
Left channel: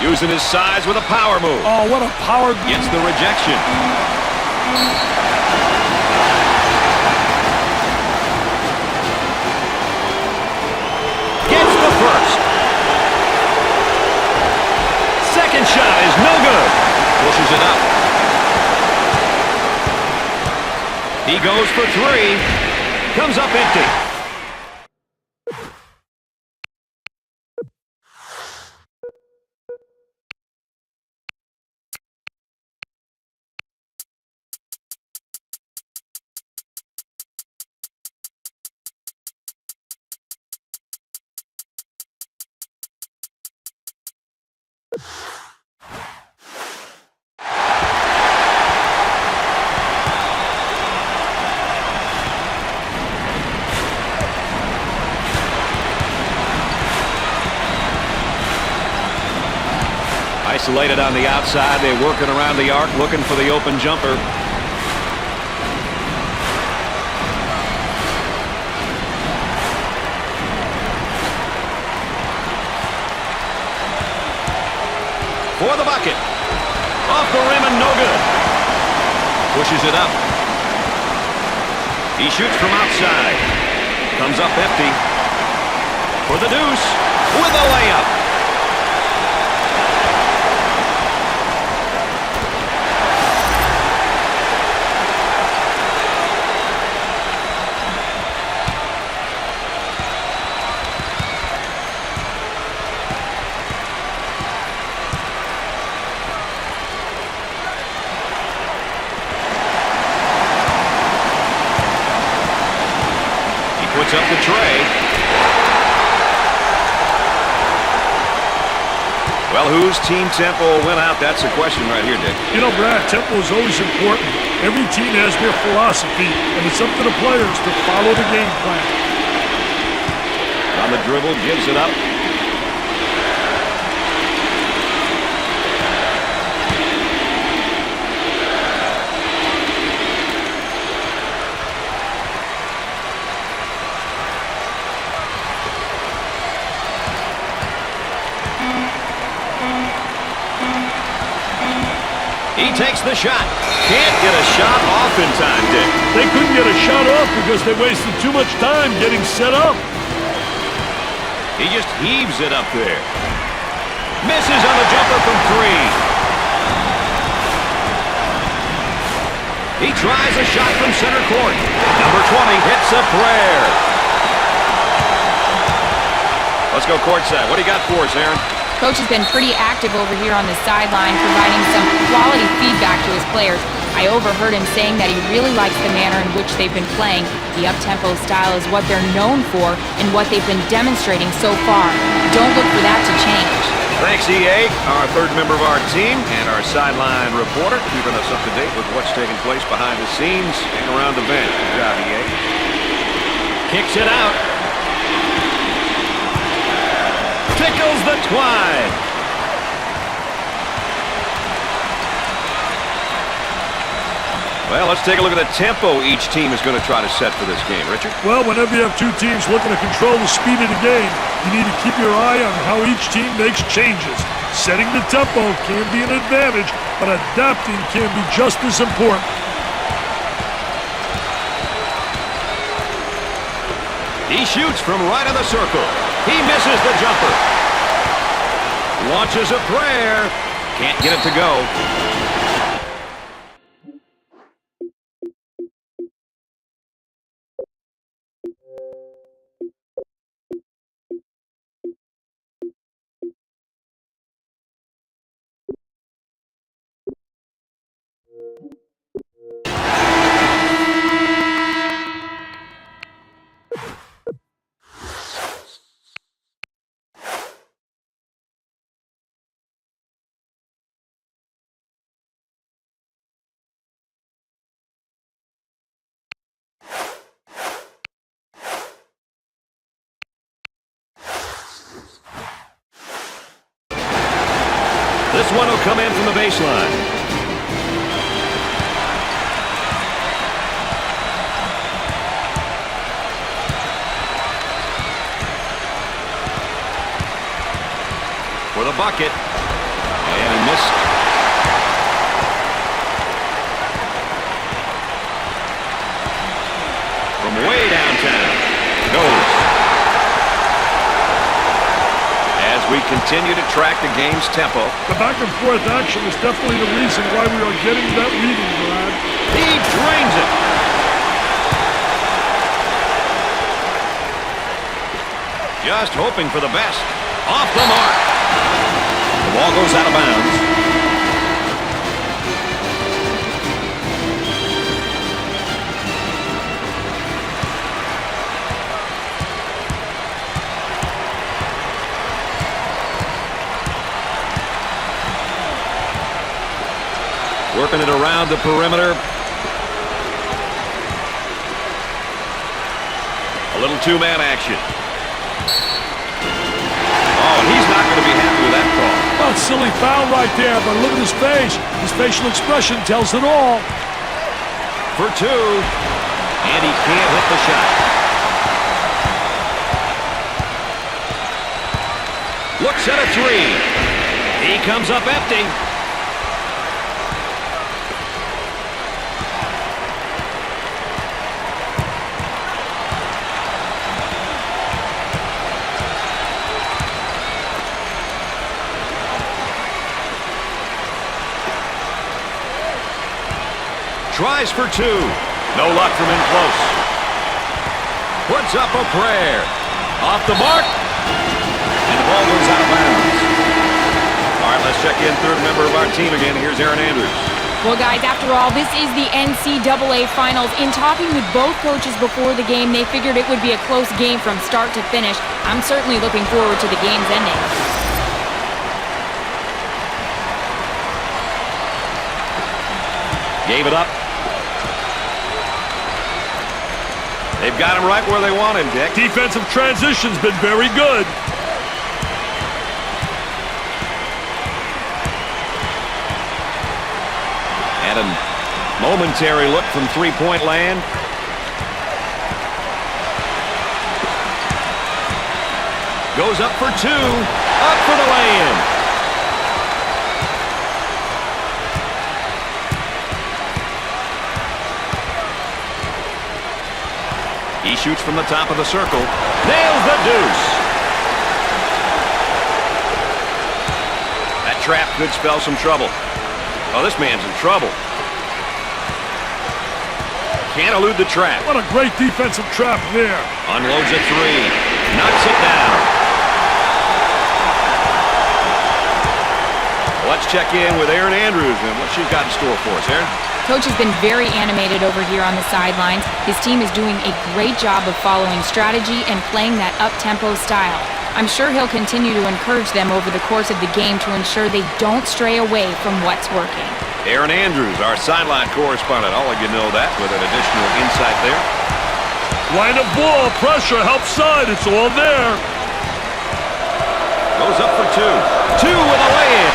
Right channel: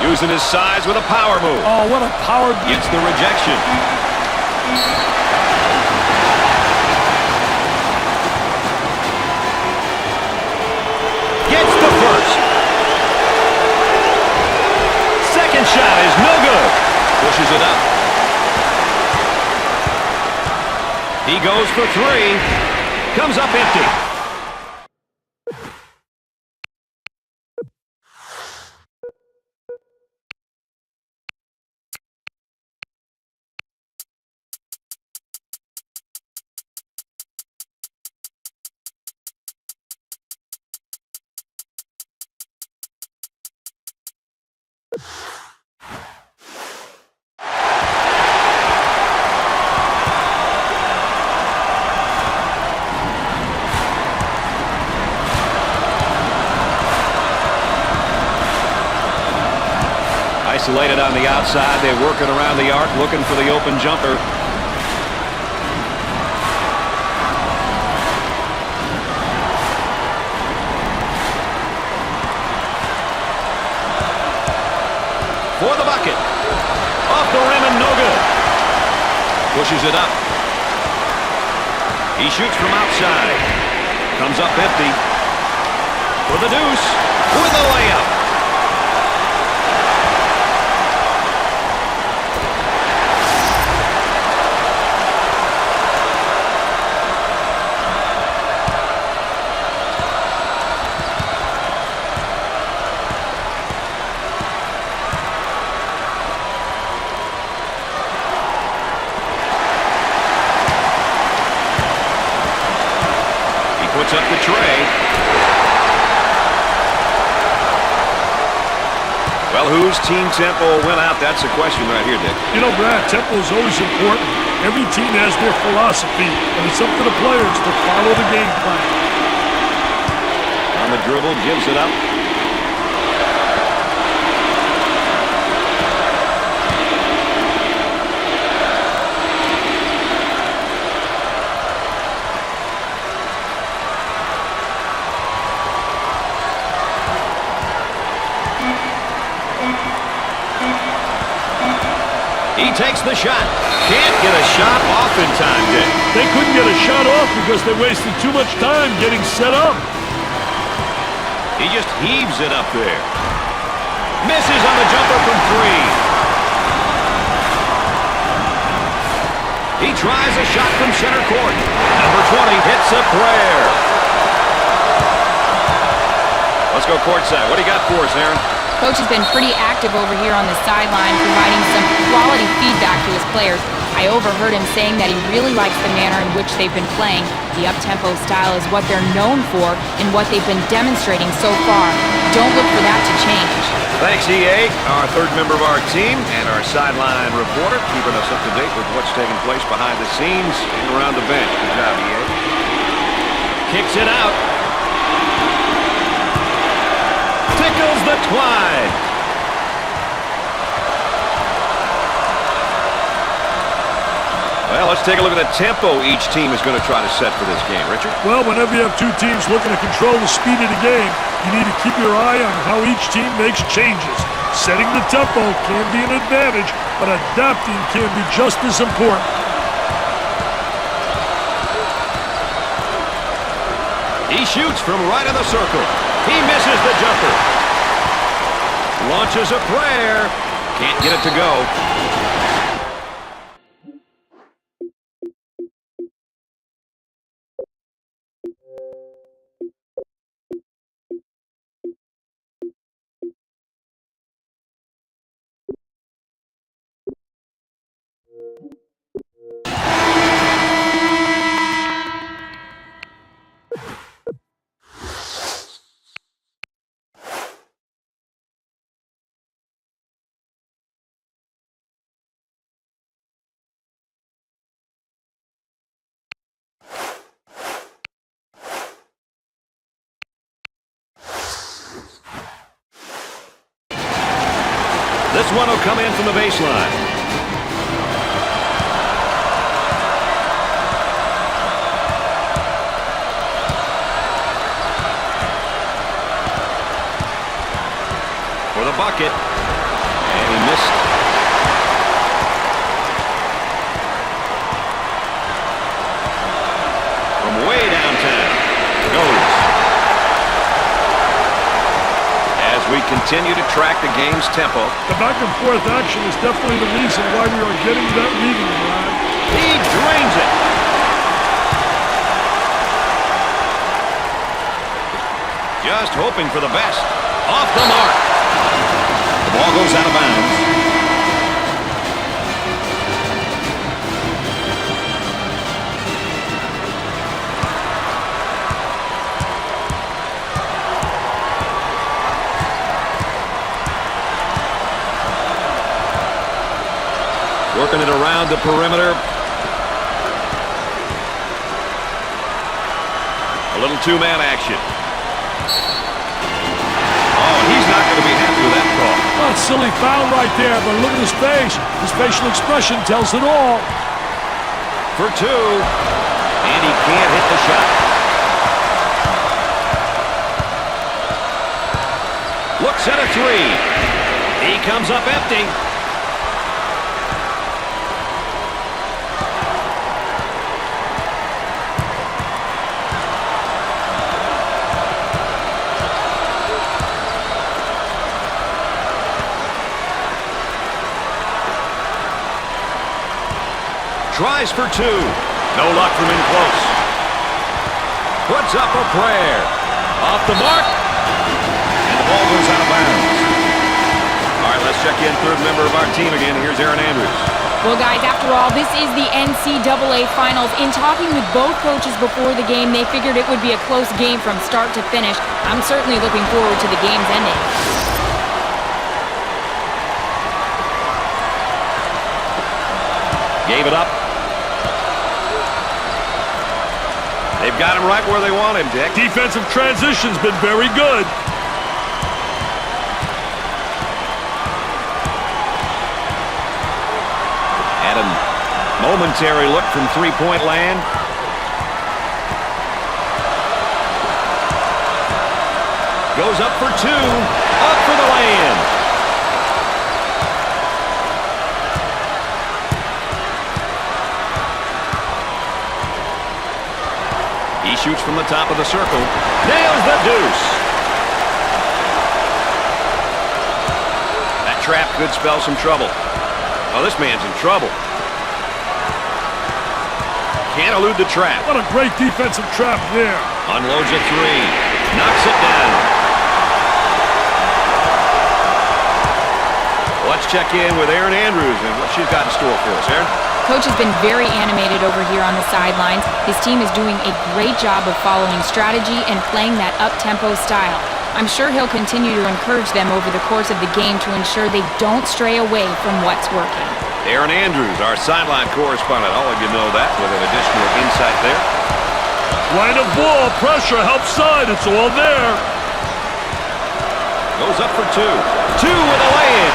Using his size with a power move. Oh, what a power. Gets the rejection. Gets the first. Second shot is no good. Pushes it up. He goes for three. Comes up empty. Isolated on the outside. They're working around the arc, looking for the open jumper. For the bucket. Off the rim and no good. Pushes it up. He shoots from outside. Comes up empty. For the deuce. With a layup. Puts up the tray. Well, whose team tempo will win out? That's the question right here, Dick. You know, Brad, tempo is always important. Every team has their philosophy, and it's up to the players to follow the game plan. On the dribble, gives it up. He takes the shot. Can't get a shot off in time, Dick. They couldn't get a shot off because they wasted too much time getting set up. He just heaves it up there. Misses on the jumper from three. He tries a shot from center court. Number 20 hits a prayer. Let's go courtside. What do you got for us, Aaron? Coach has been pretty active over here on the sideline, providing some quality feedback to his players. I overheard him saying that he really likes the manner in which they've been playing. The up-tempo style is what they're known for and what they've been demonstrating so far. Don't look for that to change. Thanks, EA, our third member of our team, and our sideline reporter, keeping us up to date with what's taking place behind the scenes and around the bench. Good job, EA. Kicks it out. Tickles the twine. Well, let's take a look at the tempo each team is going to try to set for this game. Richard? Well, whenever you have two teams looking to control the speed of the game, you need to keep your eye on how each team makes changes. Setting the tempo can be an advantage, but adapting can be just as important. He shoots from right of the circle. He misses the jumper. Launches a prayer. Can't get it to go. This one will come in from the baseline. For the bucket. And he missed. From way downtown. Goes. As we continue to track the game's tempo. The back and forth action is definitely the reason why we are getting that reading, Brad. He drains it. Just hoping for the best. Off the mark. The ball goes out of bounds. Working it around the perimeter. A little two-man action. Oh, and he's not going to be happy with that call. Well, it's a silly foul right there, but look at his face. His facial expression tells it all. For two. And he can't hit the shot. Looks at a three. He comes up empty. Tries for two. No luck from in close. Puts up a prayer. Off the mark. And the ball goes out of bounds. All right, let's check in third member of our team again. Here's Aaron Andrews. Well, guys, after all, this is the NCAA Finals. In talking with both coaches before the game, they figured it would be a close game from start to finish. I'm certainly looking forward to the game's ending. Gave it up. They've got him right where they want him, Dick. Defensive transition's been very good. Had a momentary look from three-point land. Goes up for two. Up for the lay-in. He shoots from the top of the circle. Nails the deuce. That trap could spell some trouble. Oh, this man's in trouble. Can't elude the trap. What a great defensive trap there. Unloads a three. Knocks it down. Let's check in with Aaron Andrews and what she's got in store for us. Aaron? Coach has been very animated over here on the sidelines. His team is doing a great job of following strategy and playing that up-tempo style. I'm sure he'll continue to encourage them over the course of the game to ensure they don't stray away from what's working. Aaron Andrews, our sideline correspondent. All of you know that with an additional insight there. Line of ball, pressure, help side, it's all there. Goes up for two. Two with a lay-in.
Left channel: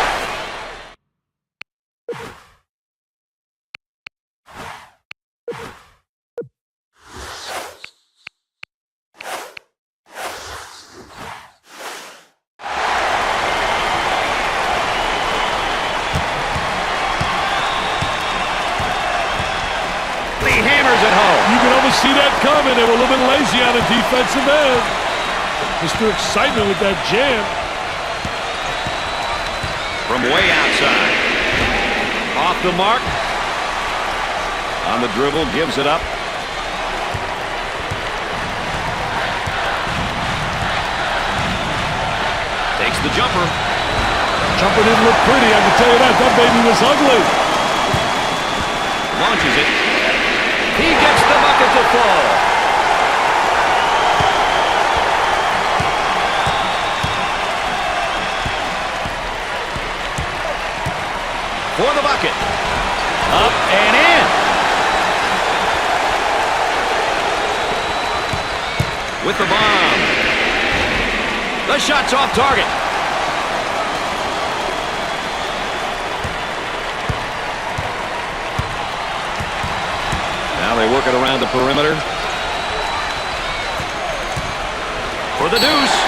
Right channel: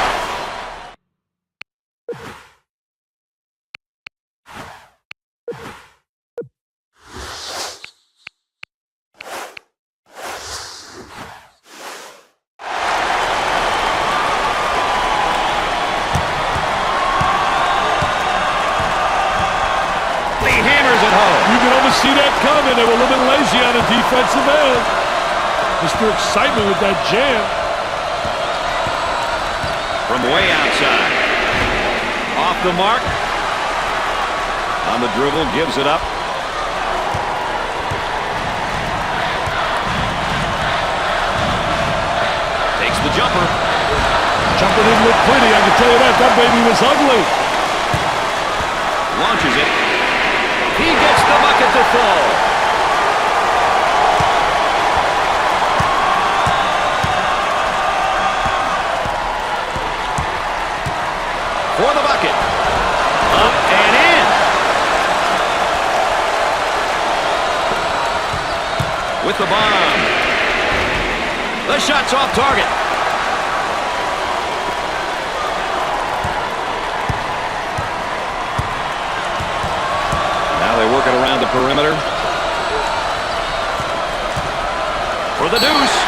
He hammers it home. You can almost see that coming. They were a little bit lazy on the defensive end. Mr. Excitement with that jam. From way outside. Off the mark. On the dribble, gives it up. Takes the jumper. Jumper didn't look pretty, I can tell you that. That baby was ugly. Launches it. He gets the bucket to fall. For the bucket. Up and in. With the bomb. The shot's off target. Now they work it around the perimeter. For the deuce.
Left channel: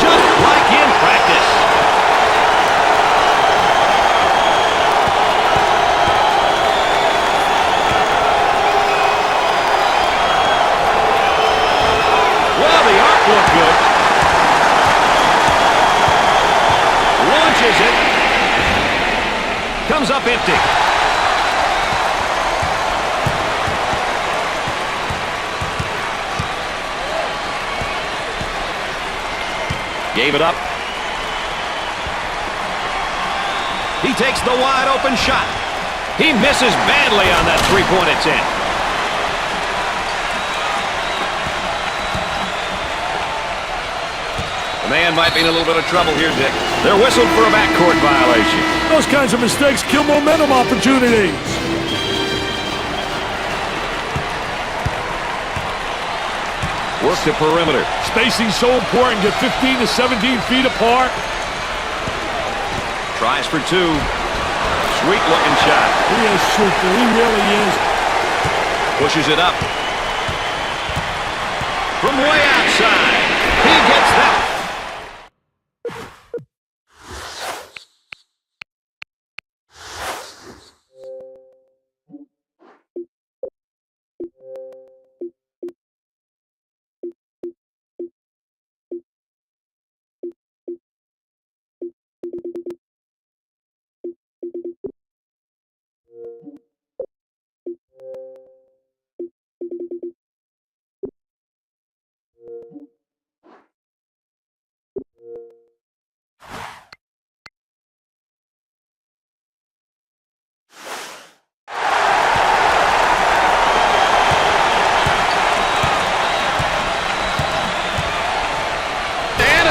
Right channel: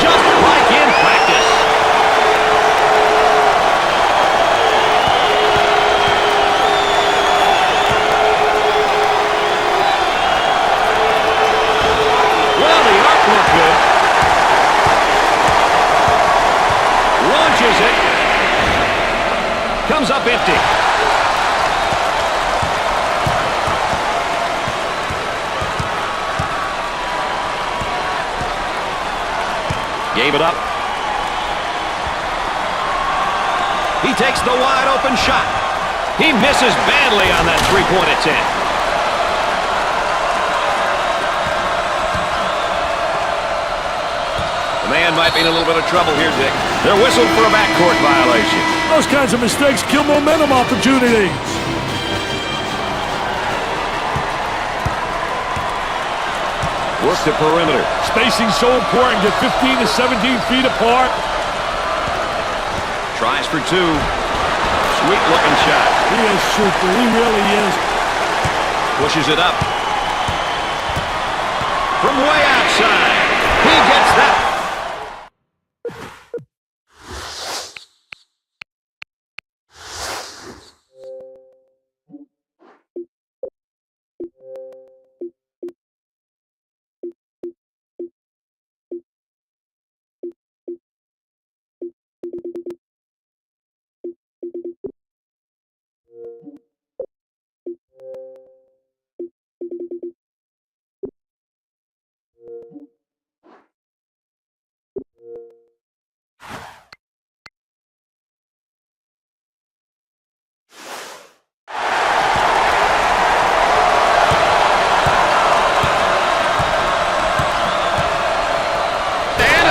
Just like in practice. Well, the arc looked good. Launches it. Comes up empty. Gave it up. He takes the wide open shot. He misses badly on that three-point attempt. The man might be in a little bit of trouble here, Dick. They're whistled for a backcourt violation. Those kinds of mistakes kill momentum opportunities. Work the perimeter. Spacing's so important. Get 15 to 17 feet apart. Tries for two. Sweet looking shot. He is super. He really is. Pushes it up. From way outside. He gets that.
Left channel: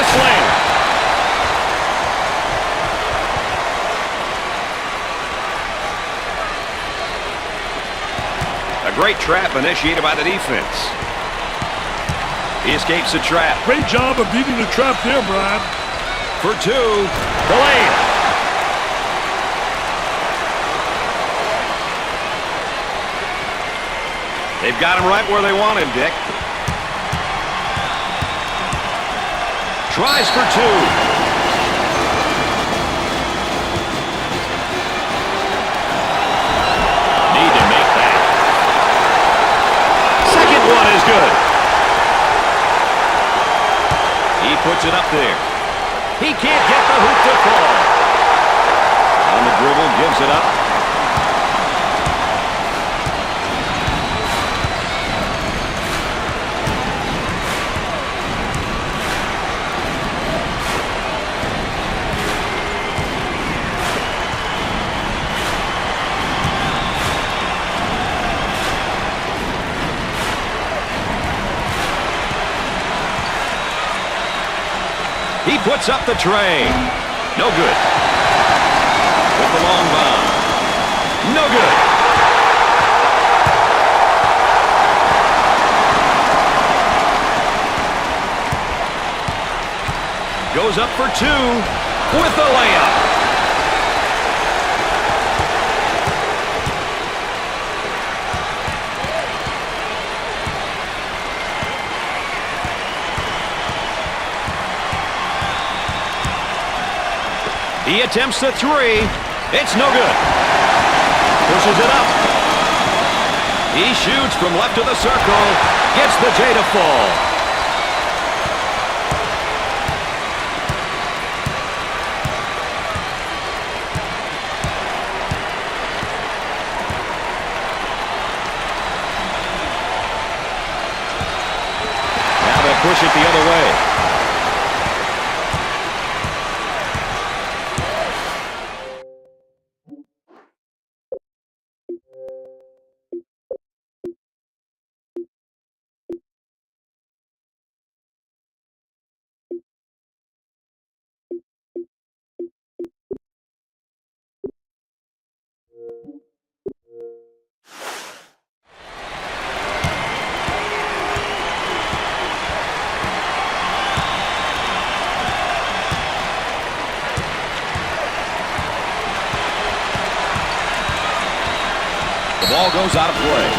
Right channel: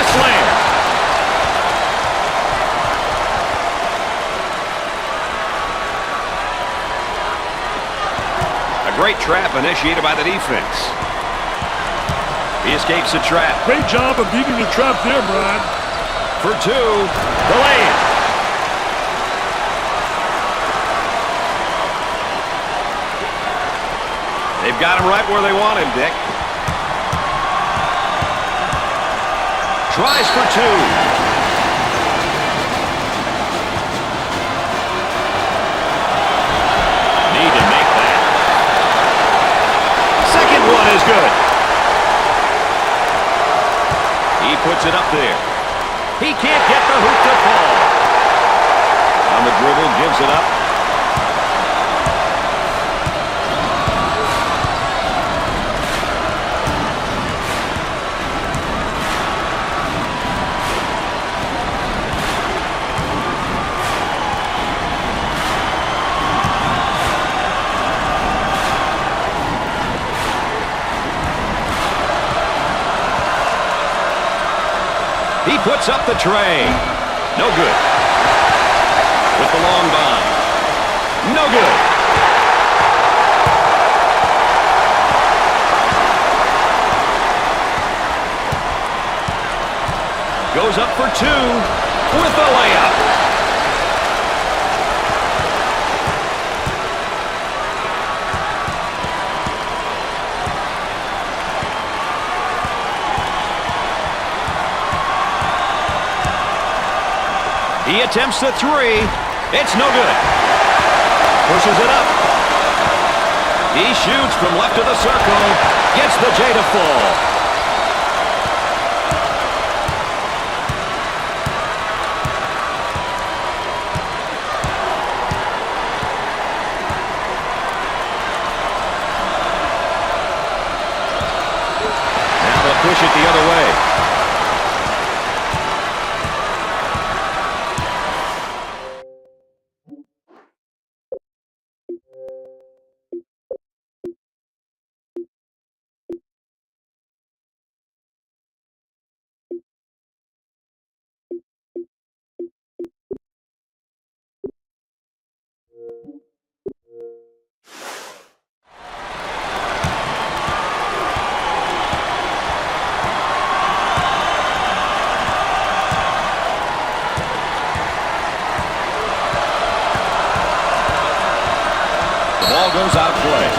Slam. A great trap initiated by the defense. He escapes the trap. Great job of beating the trap there, Brian. For two, the lay-in. They've got him right where they want him, Dick. Tries for two. Need to make that. Second one is good. He puts it up there. He can't get the hoop to fall. On the dribble, gives it up. puts up the tray. No good. With the long bomb. No good. Goes up for two with the layup. He attempts the three. It's no good. Pushes it up. He shoots from left of the circle. Gets the J to fall. Now they'll push it the other way. The ball goes out of play.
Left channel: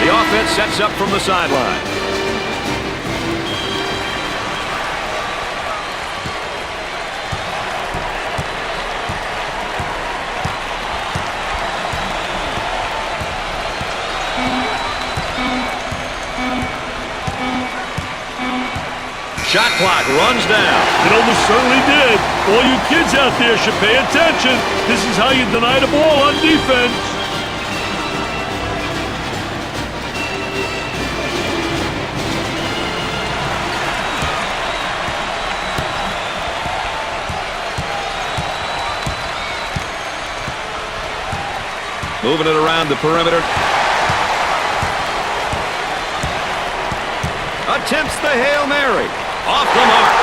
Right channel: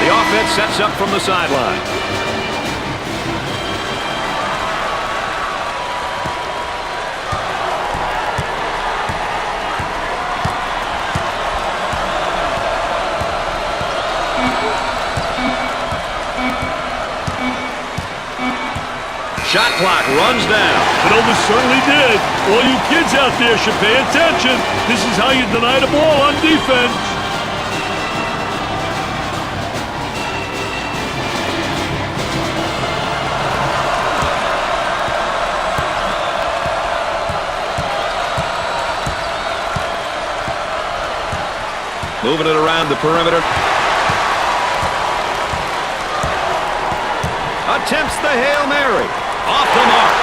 The offense sets up from the sideline. Shot clock runs down. It almost certainly did. All you kids out there should pay attention. This is how you deny the ball on defense. Moving it around the perimeter. Attempts the Hail Mary. Off the mark.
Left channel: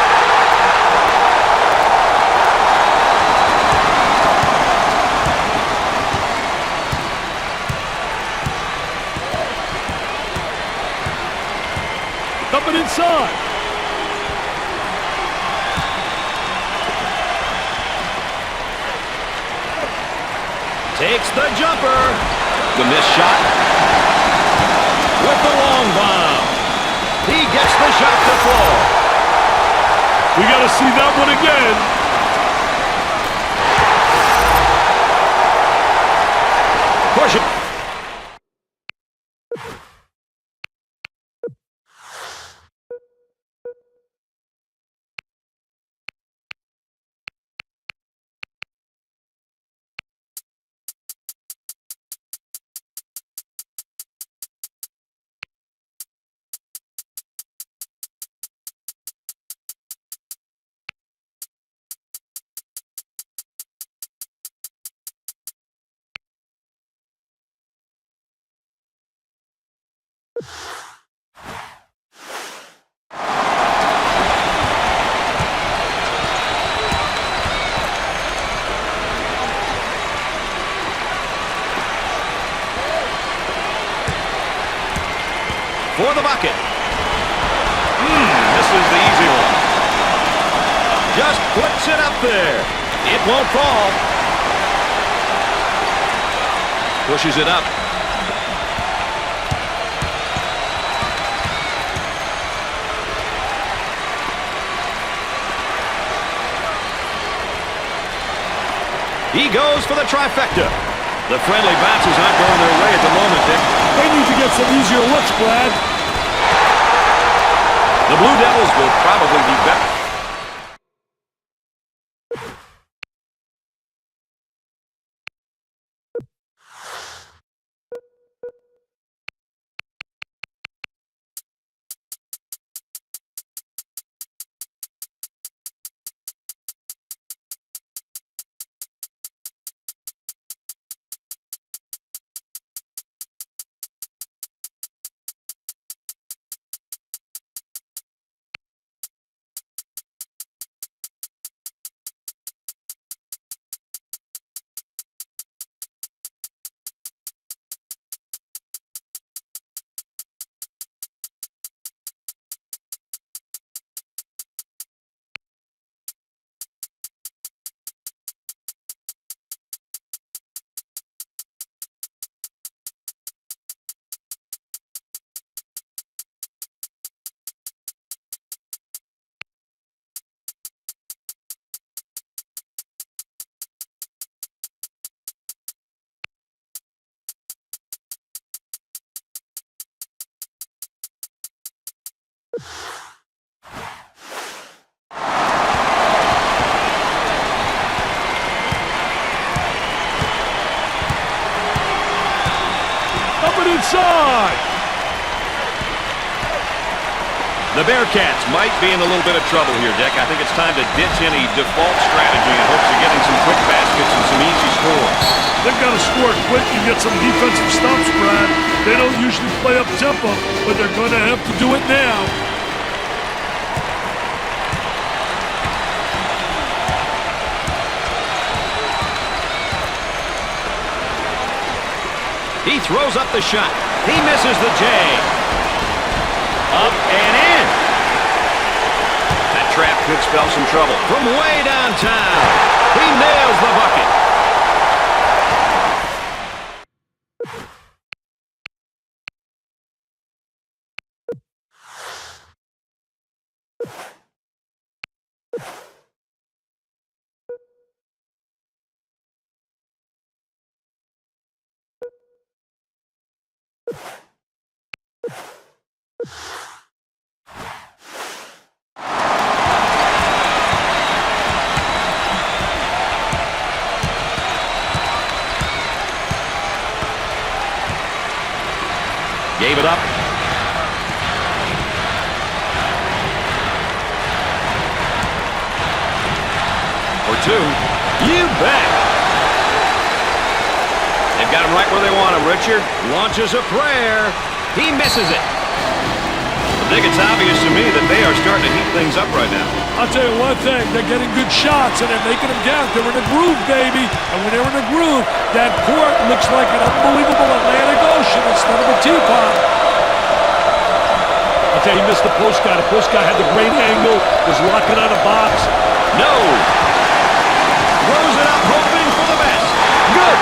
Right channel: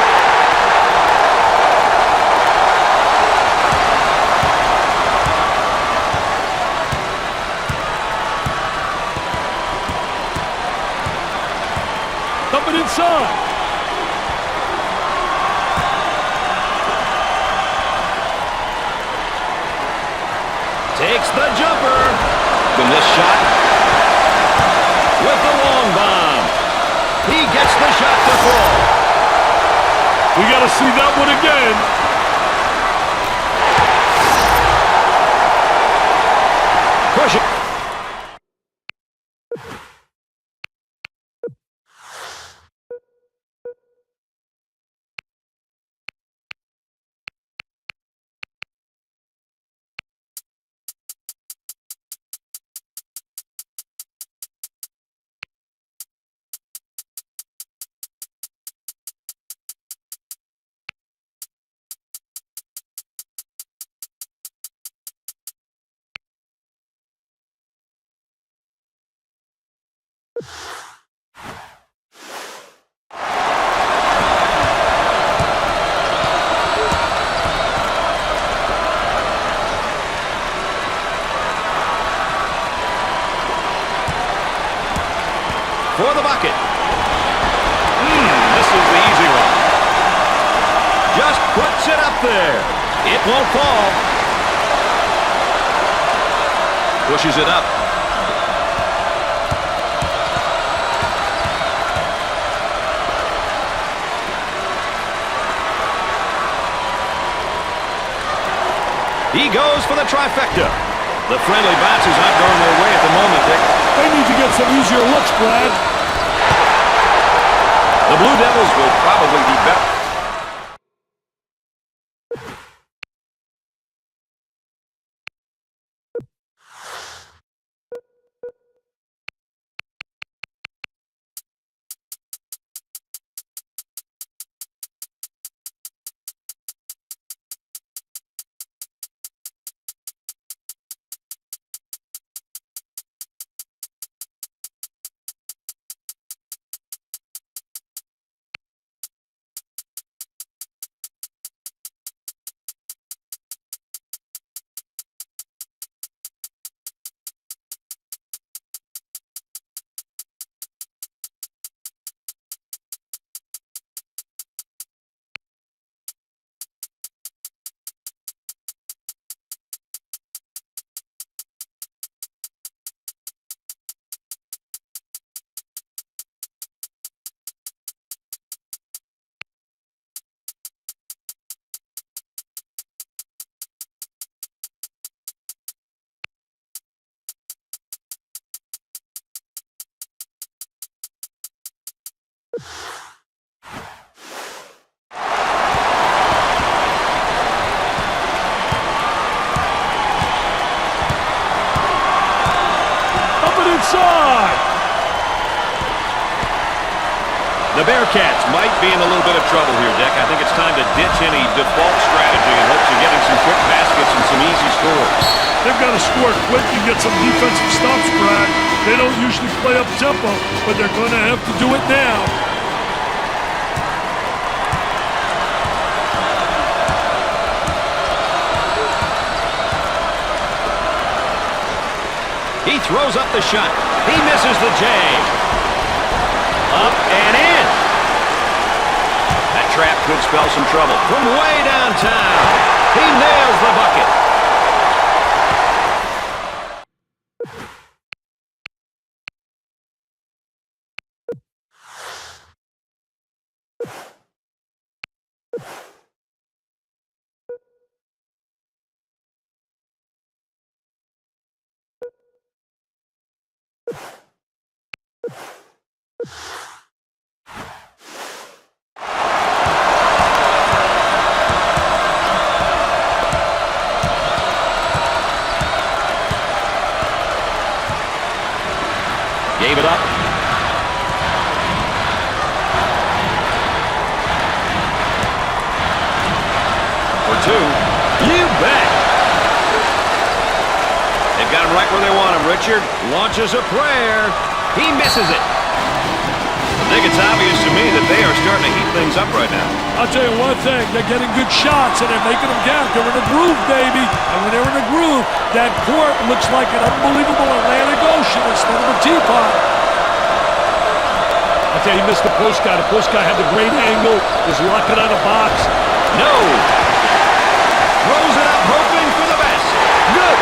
Coming inside. Takes the jumper. The missed shot. With the long bomb. He gets the shot to fall. We got to see that one again. Push it. For the bucket. This is the easy one. Just puts it up there. It won't fall. Pushes it up. He goes for the trifecta. The friendly bounces aren't going their way at the moment, Dick. They need to get some easier looks, Brad. The Blue Devils will probably be better. Up and inside. The Bearcats might be in a little bit of trouble here, Dick. I think it's time to ditch any default strategy in hopes of getting some quick baskets and some easy scores. They've got to score quick and get some defensive stops, Brad. They don't usually play up tempo, but they're going to have to do it now. He throws up the shot. He misses the J. Up and in. That trap could spell some trouble. From way downtown, he nails the bucket. Gave it up. For two. You bet. They've got him right where they want him. Richard launches a prayer. He misses it. I think it's obvious to me that they are starting to heat things up right now. I'll tell you one thing, they're getting good shots and they're making them count. They're in a groove, baby. And when they're in a groove, that court looks like an unbelievable Atlantic Ocean instead of a teapot. I'll tell you, he missed the post guy. The post guy had the great angle, was locking on a box. No. Throws it up, hoping for the best. Good.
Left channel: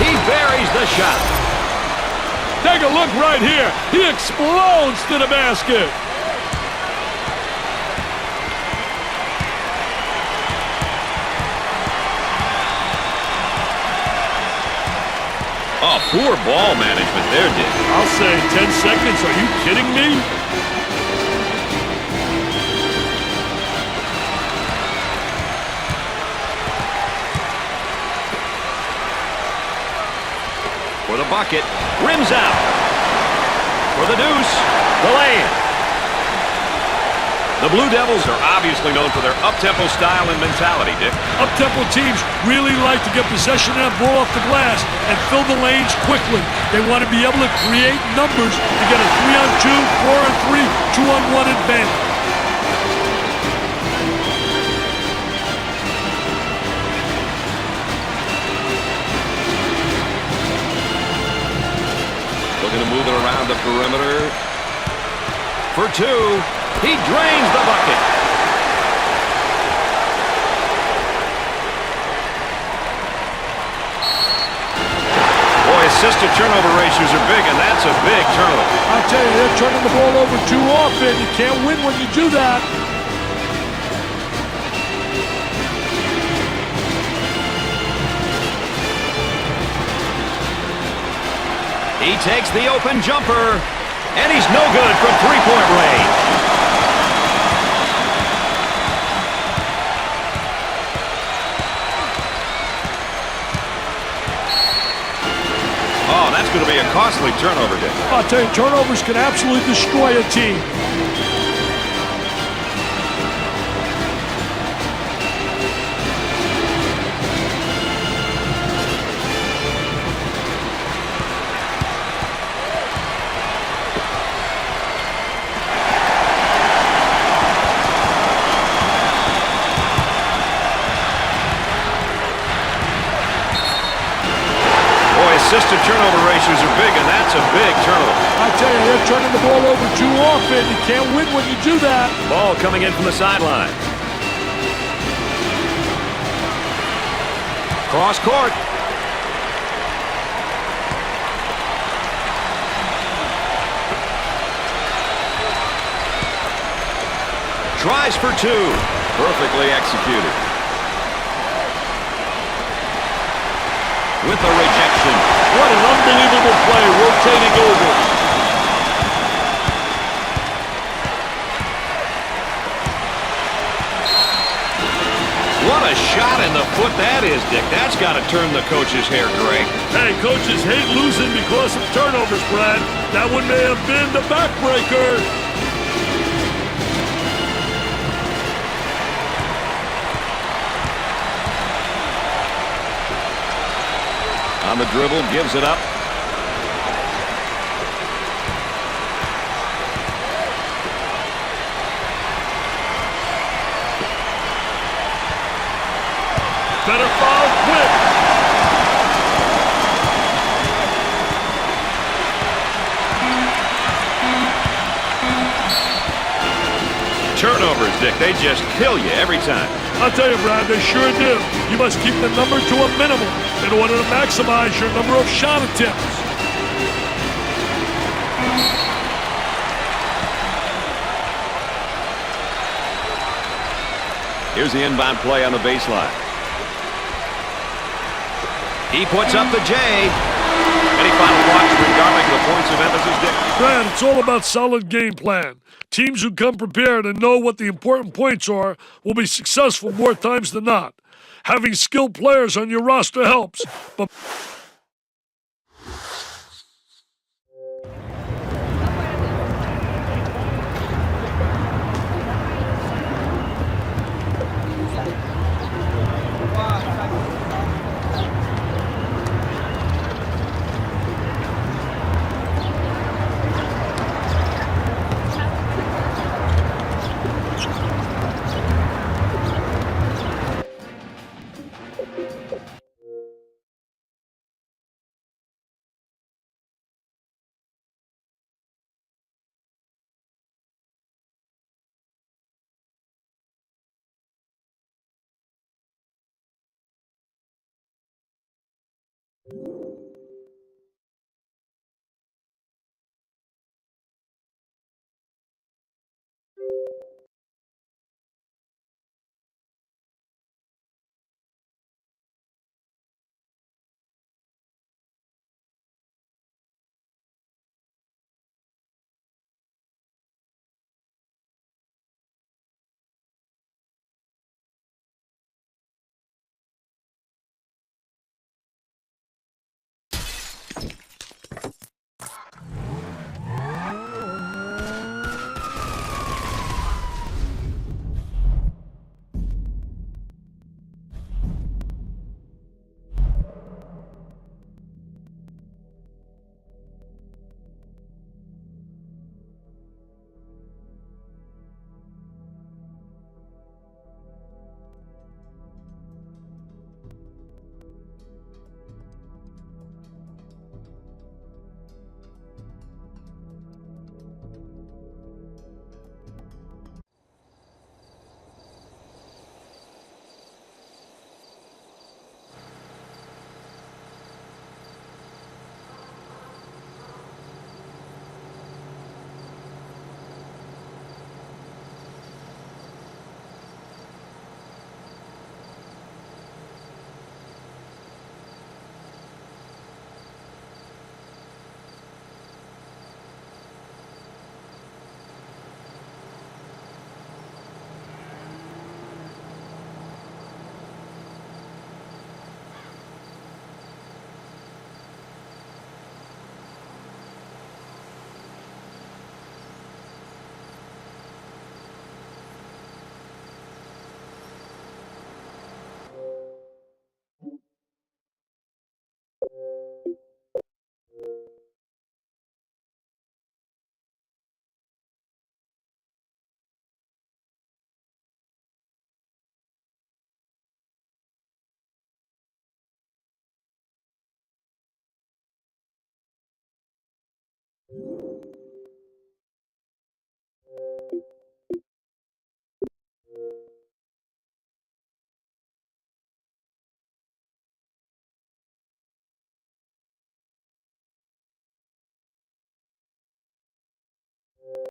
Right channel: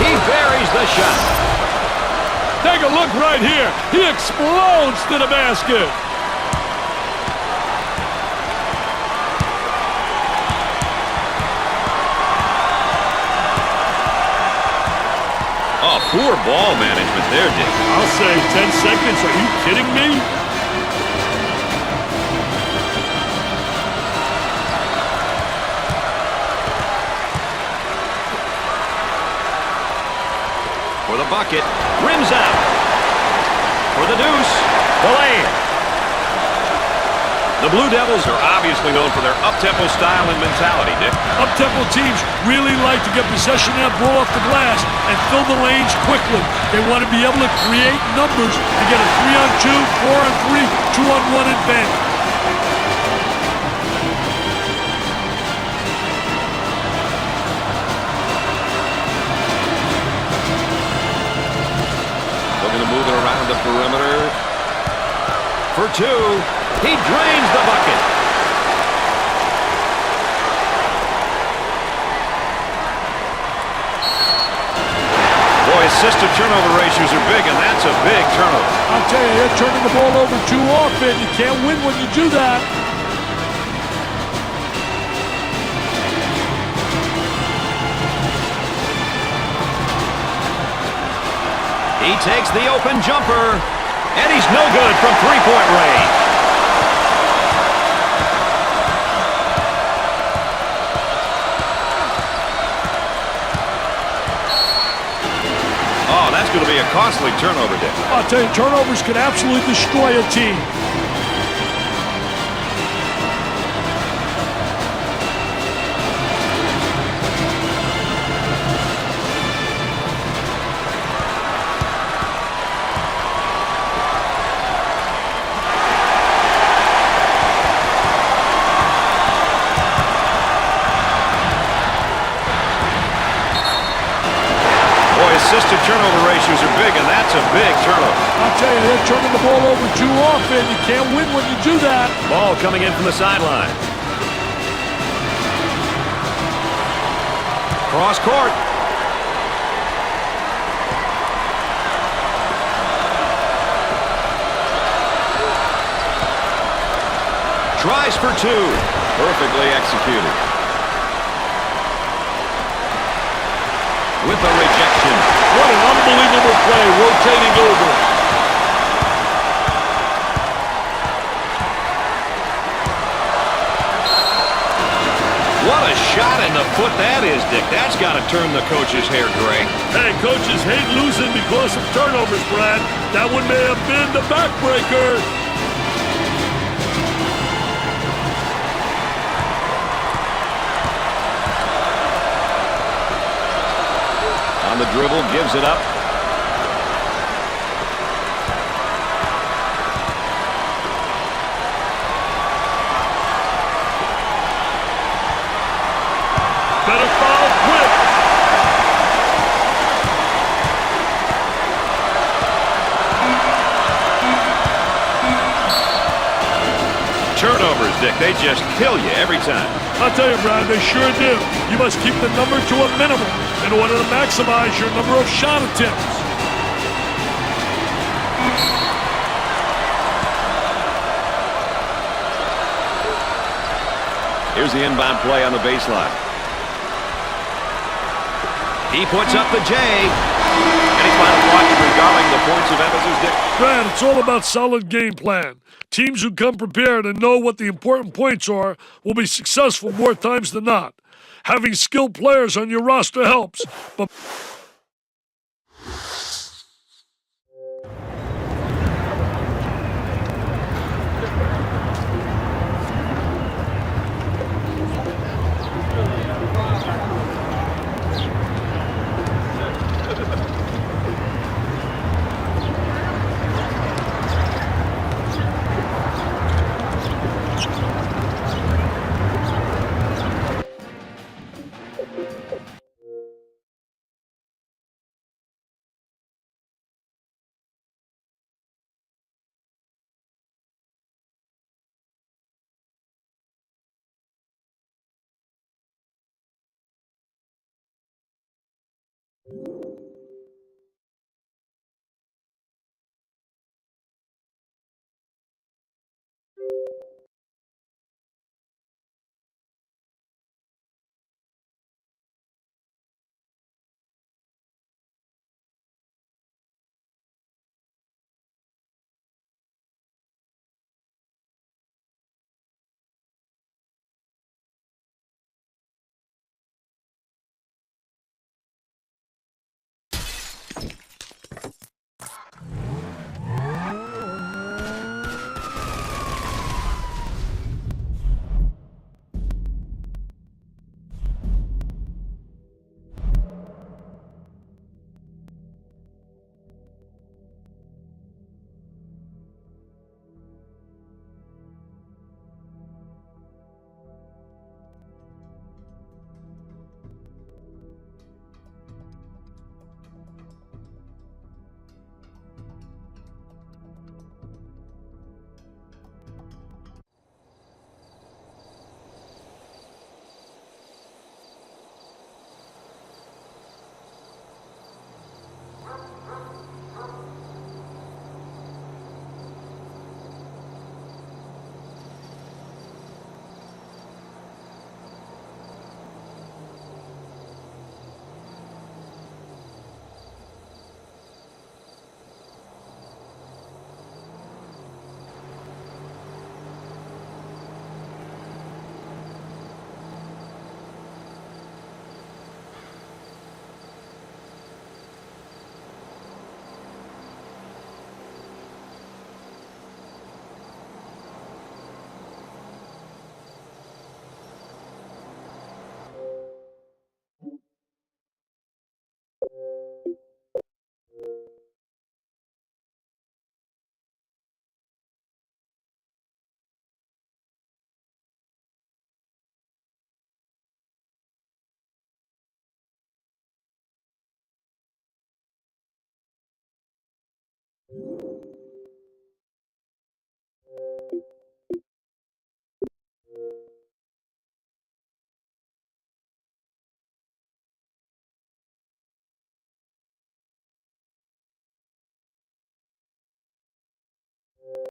He buries the shot. Take a look right here. He explodes to the basket. Oh, poor ball management there, Dick. I'll say 10 seconds. Are you kidding me? For the bucket, rims out. For the deuce, the lay-in. The Blue Devils are obviously known for their up-tempo style and mentality, Dick. Up-tempo teams really like to get possession of that ball off the glass and fill the lanes quickly. They want to be able to create numbers to get a 3-on-2, 4-on-3, 2-on-1 advantage. Looking to move it around the perimeter. For two, he drains the bucket. Boy, assist-to-turnover ratios are big, and that's a big turnover. I'll tell you, they're turning the ball over too often. You can't win when you do that. He takes the open jumper, and he's no good from three-point range. Oh, that's going to be a costly turnover, Dick. I'll tell you, turnovers can absolutely destroy a team. Boy, assist-to-turnover ratios are big, and that's a big turnover. I'll tell you, they're turning the ball over too often. You can't win when you do that. Ball coming in from the sideline. Cross court. Tries for two. Perfectly executed. with a rejection. What an unbelievable play, rotating over. What a shot in the foot that is, Dick. That's got to turn the coach's hair gray. Hey, coaches hate losing because of turnovers, Brad. That one may have been the backbreaker. On the dribble, gives it up. Better foul quick. Turnovers, Dick. They just kill you every time. I'll tell you, Brad, they sure do. You must keep the number to a minimum in order to maximize your number of shot attempts. Here's the inbound play on the baseline. He puts up the J. Any final thoughts regarding the points of emphasis, Dick? Brad, it's all about solid game plan. Teams who come prepared and know what the important points are will be successful more times than not. Having skilled players on your roster helps, but